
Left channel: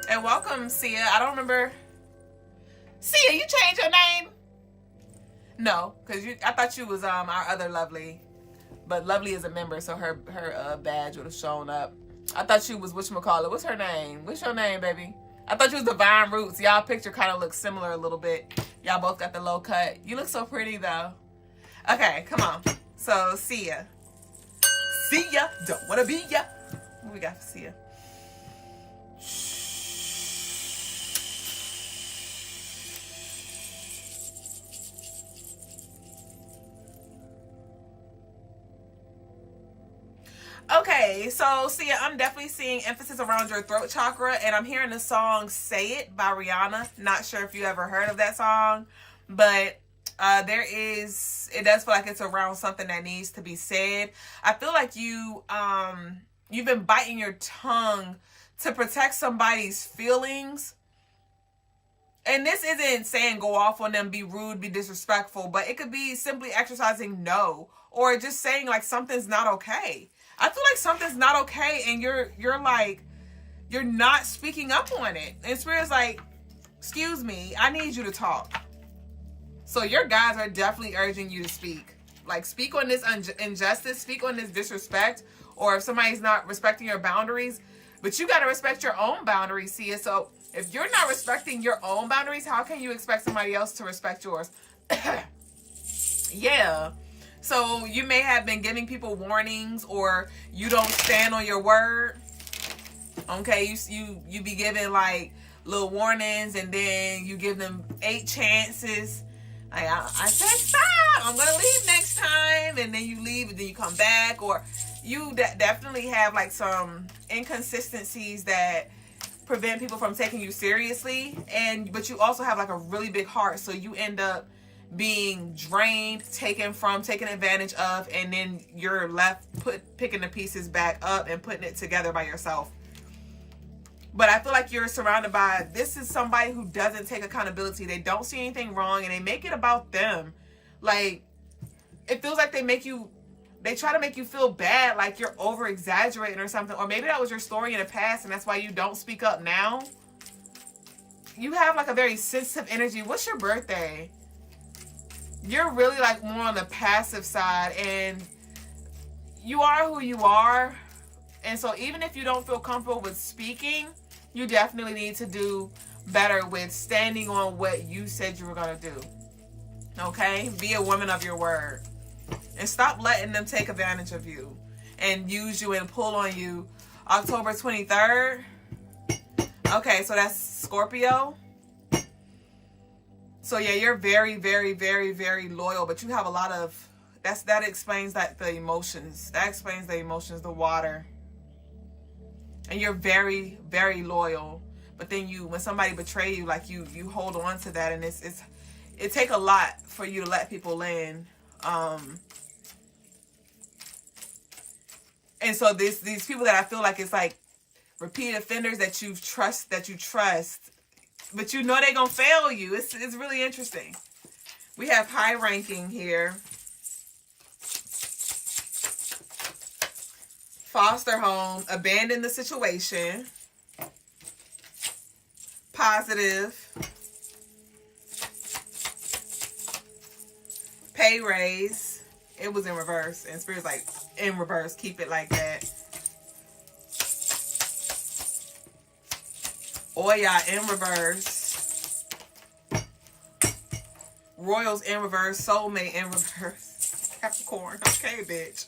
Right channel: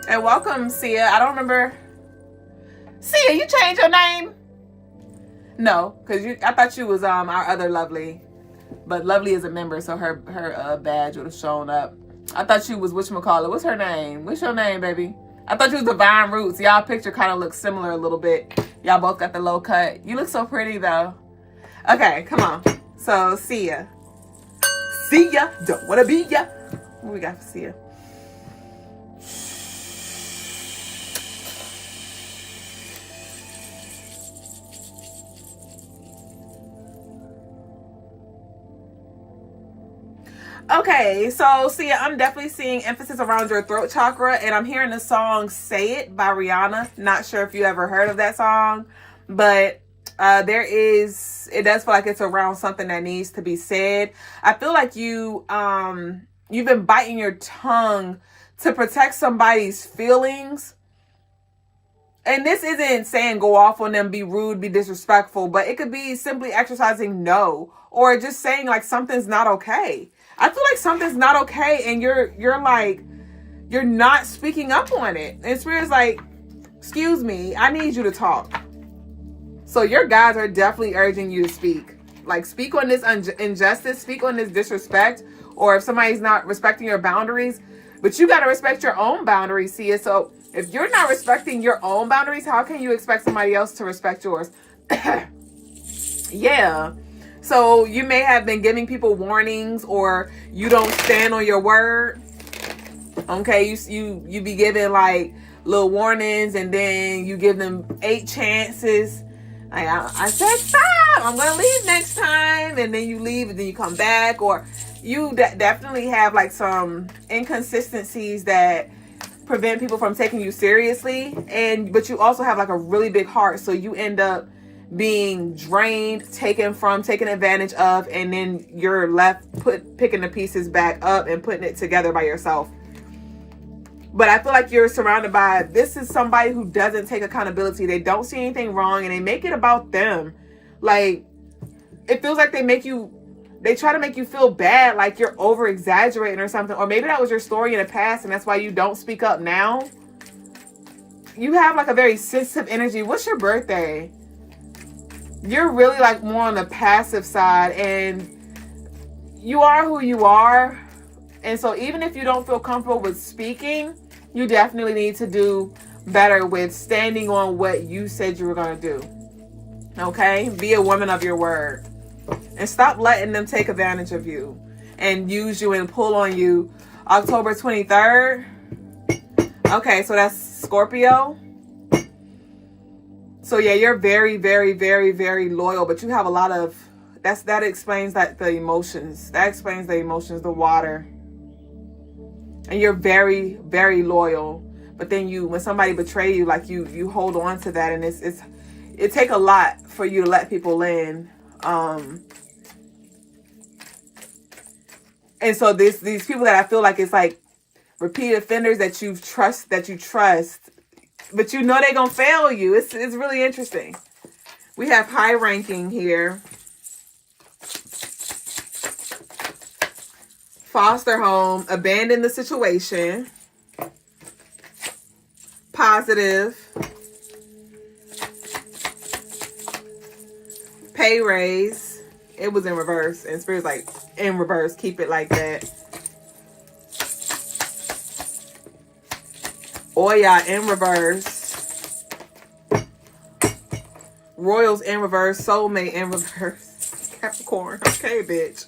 And welcome, Sia. I don't remember. Sia, you changed your name? No, because I thought you was our other Lovely. But Lovely is a member, so her badge would have shown up. I thought you was whatchamacallit. What's her name? What's your name, baby? I thought you was Divine Roots. Y'all picture kind of looks similar a little bit. Y'all both got the low cut. You look so pretty, though. Okay, come on. So, Sia. Sia, don't want to be ya. What we got for Sia? Okay, so Sia, I'm definitely seeing emphasis around your throat chakra, and I'm hearing the song Say It by Rihanna. Not sure if you ever heard of that song, but it does feel like it's around something that needs to be said. I feel like you've been biting your tongue to protect somebody's feelings. And this isn't saying go off on them, be rude, be disrespectful, but it could be simply exercising no, or just saying like something's not okay. I feel like something's not okay, and you're not speaking up on it. And Spirit's like, excuse me, I need you to talk. So your guides are definitely urging you to speak. Like, speak on this injustice, speak on this disrespect, or if somebody's not respecting your boundaries. But you got to respect your own boundaries, Sia. So if you're not respecting your own boundaries, how can you expect somebody else to respect yours? Yeah. So you may have been giving people warnings, or you don't stand on your word. Okay, you be giving like little warnings, and then you give them 8 chances. Like, I said stop, I'm gonna leave next time, and then you leave, and then you come back. Or you definitely have like some inconsistencies that prevent people from taking you seriously, but you also have like a really big heart, so you end up being drained, taken advantage of, and then you're left picking the pieces back up and putting it together by yourself. But I feel like you're surrounded by, this is somebody who doesn't take accountability. They don't see anything wrong, and they make it about them. Like, it feels like they try to make you feel bad, like you're over exaggerating or something. Or maybe that was your story in the past, and that's why you don't speak up now. You have like a very sensitive energy. What's your birthday? You're really like more on the passive side, and you are who you are. And so even if you don't feel comfortable with speaking, you definitely need to do better with standing on what you said you were going to do. Okay? Be a woman of your word. And stop letting them take advantage of you and use you and pull on you. October 23rd. Okay, so that's Scorpio. So yeah, you're very, very, very, very loyal, but you have a lot of, that explains that the emotions. That explains the emotions, the water. And you're very, very loyal. But then when somebody betray you, like you hold on to that, and it take a lot for you to let people in. And so these people that I feel like it's like repeat offenders that you trust, but you know they're gonna fail you. It's really interesting. We have high ranking here. Foster home, abandon the situation. Positive. Pay raise. It was in reverse, and Spirit's like, in reverse, keep it like that. Oya in reverse. Royals in reverse. Soulmate in reverse. Capricorn. Okay, bitch.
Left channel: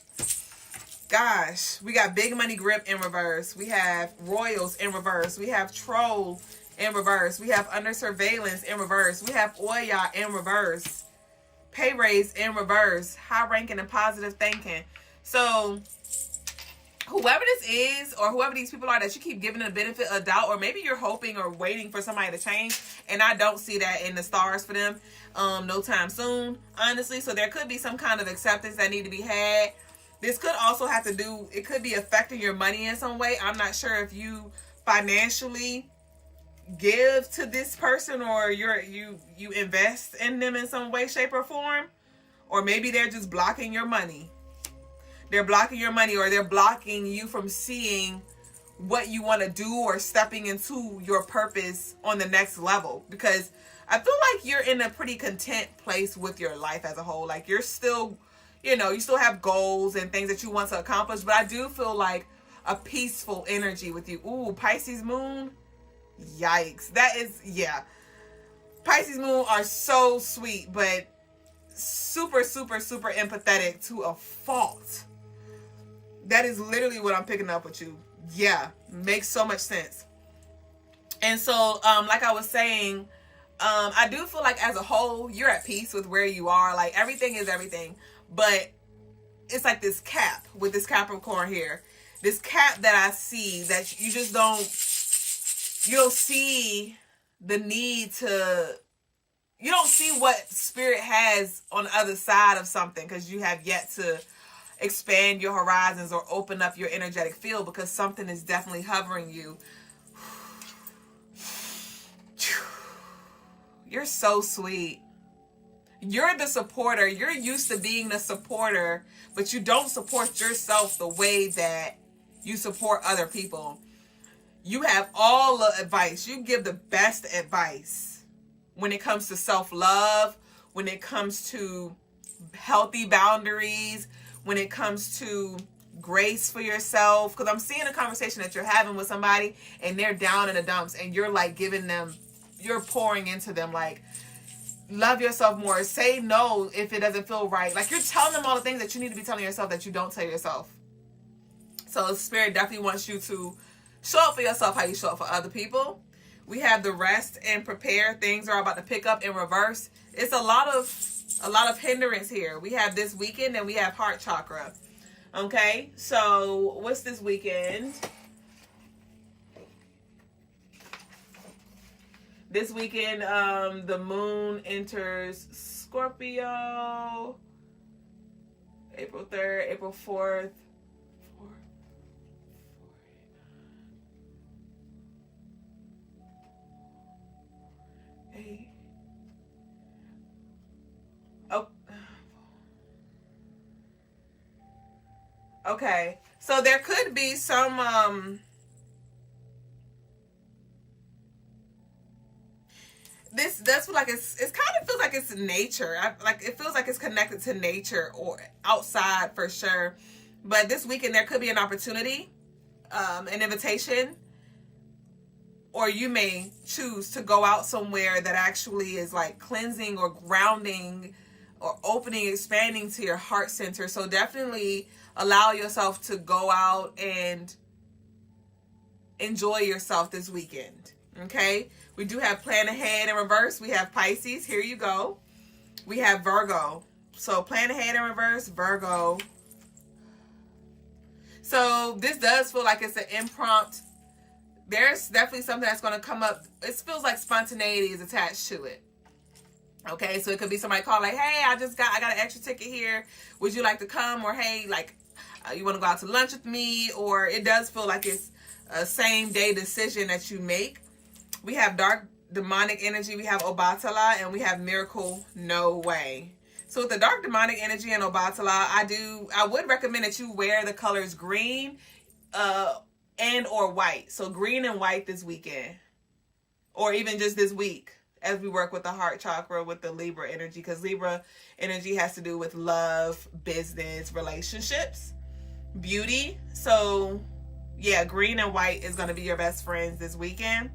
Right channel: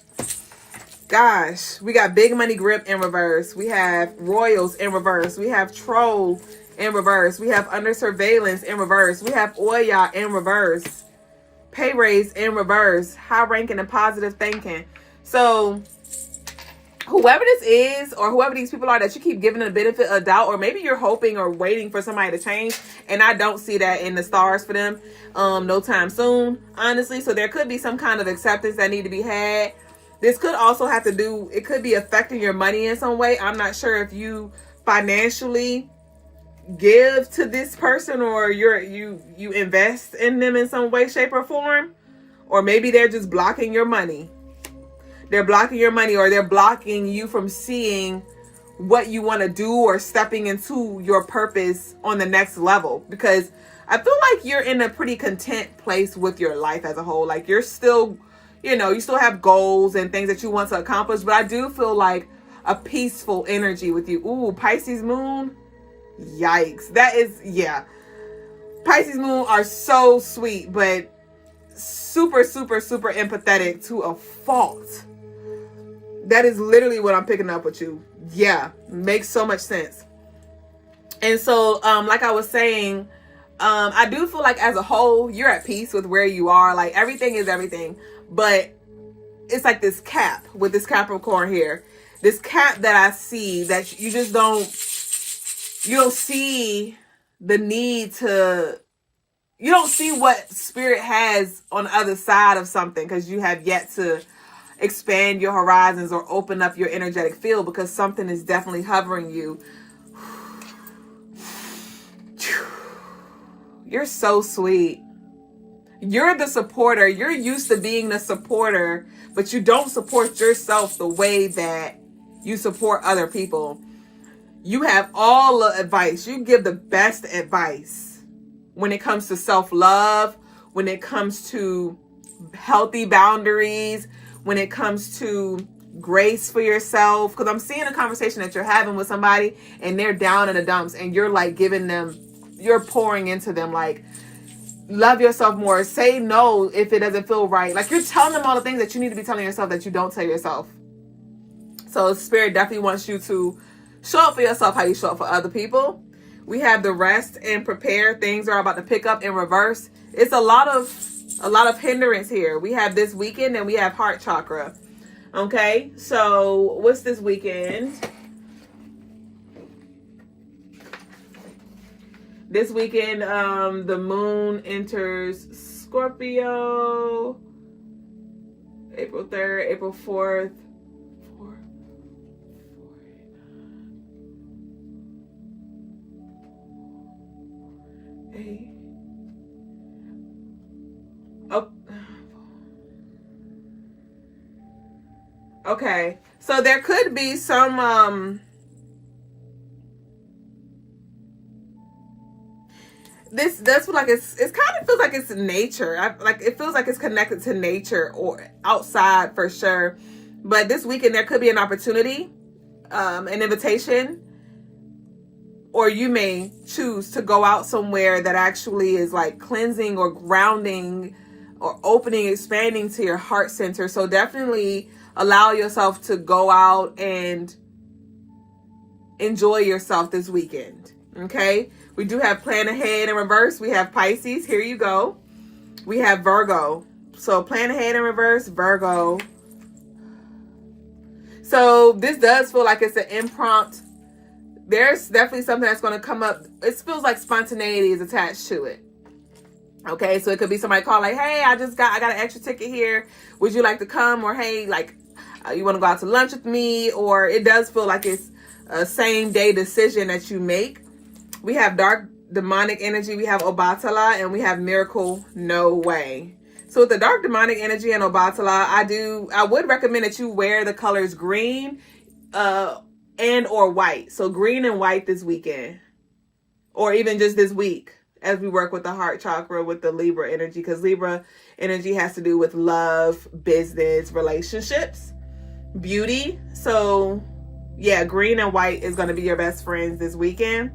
Gosh, we got Big Money Grip in reverse. We have Royals in reverse. We have Troll in reverse. We have Under Surveillance in reverse. We have Oya in reverse. Pay raise in reverse. High ranking and positive thinking. So whoever this is, or whoever these people are that you keep giving the benefit of doubt, or maybe you're hoping or waiting for somebody to change, and I don't see that in the stars for them no time soon, honestly. So there could be some kind of acceptance that need to be had. This could also have to do, it could be affecting your money in some way. I'm not sure if you financially give to this person, or you invest in them in some way, shape, or form, or maybe they're just blocking your money. They're blocking your money, or they're blocking you from seeing what you want to do or stepping into your purpose on the next level. Because I feel like you're in a pretty content place with your life as a whole. Like you're still, you still have goals and things that you want to accomplish. But I do feel like a peaceful energy with you. Ooh, Pisces moon. Yikes. That is, yeah. Pisces moon are so sweet, but super, super, super empathetic to a fault. That is literally what I'm picking up with you. Yeah, makes so much sense. And so, like I was saying, I do feel like as a whole, you're at peace with where you are. Like everything is everything. But it's like this cap with this Capricorn here. This cap that I see that you just don't see the need to, you don't see what spirit has on the other side of something, because you have yet to expand your horizons or open up your energetic field, because something is definitely hovering you. You're so sweet. You're the supporter. You're used to being the supporter, but you don't support yourself the way that you support other people. You have all the advice. You give the best advice when it comes to self-love, when it comes to healthy boundaries, when it comes to grace for yourself. Because I'm seeing a conversation that you're having with somebody and they're down in the dumps, and you're like giving them, you're pouring into them, like, love yourself more. Say no if it doesn't feel right. Like you're telling them all the things that you need to be telling yourself that you don't tell yourself. So Spirit definitely wants you to show up for yourself how you show up for other people. We have the rest and prepare. Things are about to pick up in reverse. It's a lot of hindrance here. We have this weekend and we have heart chakra. Okay, so what's this weekend? This weekend, the moon enters Scorpio. April 3rd, April 4th. Oh. Okay, so there could be some that's like it's kind of feels like it's nature. Like it feels like it's connected to nature or outside for sure. But this weekend there could be an opportunity, an invitation, or you may choose to go out somewhere that actually is like cleansing or grounding or opening, expanding to your heart center. So definitely allow yourself to go out and enjoy yourself this weekend. Okay. We do have plan ahead in reverse. We have Pisces. Here you go. We have Virgo. So plan ahead in reverse, Virgo. So this does feel like it's an impromptu. There's definitely something that's going to come up. It feels like spontaneity is attached to it. Okay, so it could be somebody call like, hey, I got an extra ticket here. Would you like to come? Or hey, like, you want to go out to lunch with me? Or it does feel like it's a same day decision that you make. We have dark demonic energy. We have Obatala, and we have miracle no way. So with the dark demonic energy and Obatala, I would recommend that you wear the colors green, and or white. So green and white this weekend, or even just this week as we work with the heart chakra with the Libra energy, because Libra energy has to do with love, business, relationships, beauty. So yeah, green and white is going to be your best friends this weekend.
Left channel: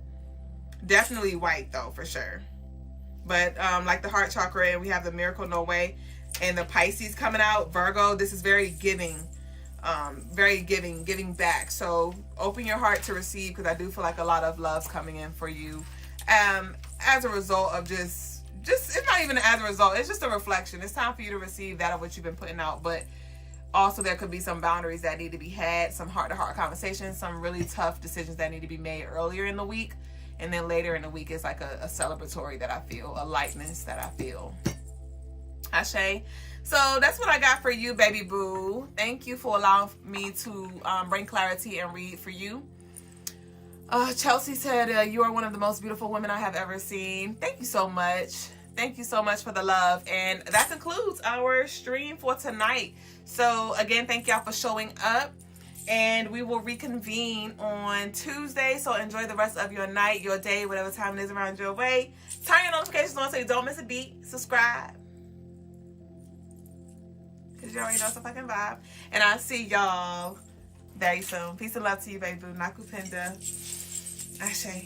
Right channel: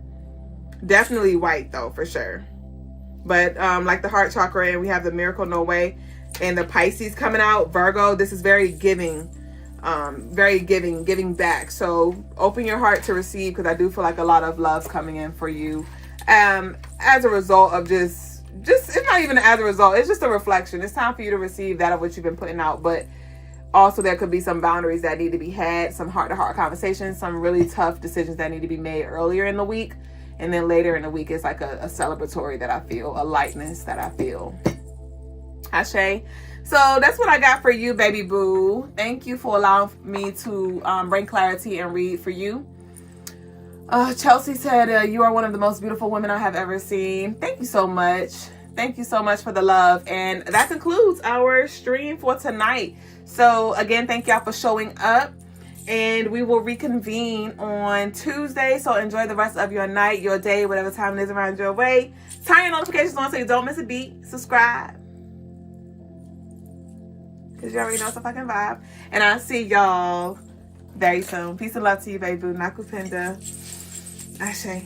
Definitely white though, for sure. But like the heart chakra, and we have the miracle no way and the Pisces coming out, Virgo, this is very giving. Very giving back. So open your heart to receive, because I do feel like a lot of love's coming in for you as a result of just it's not even as a result, it's just a reflection. It's time for you to receive that of what you've been putting out. But Also, there could be some boundaries that need to be had, some heart-to-heart conversations, some really tough decisions that need to be made earlier in the week. And then later in the week, it's like a celebratory that I feel, a lightness that I feel. Ashe. So that's what I got for you, baby boo. Thank you for allowing me to bring clarity and read for you. Chelsea said, you are one of the most beautiful women I have ever seen. Thank you so much. Thank you so much for the love. And that concludes our stream for tonight. So again, thank y'all for showing up. And we will reconvene on Tuesday. So enjoy the rest of your night, your day, whatever time it is around your way. Turn your notifications on so you don't miss a beat. Subscribe. Because you already know it's a fucking vibe. And I'll see y'all very soon. Peace and love to you, baby boo. Nakupenda. Ashe.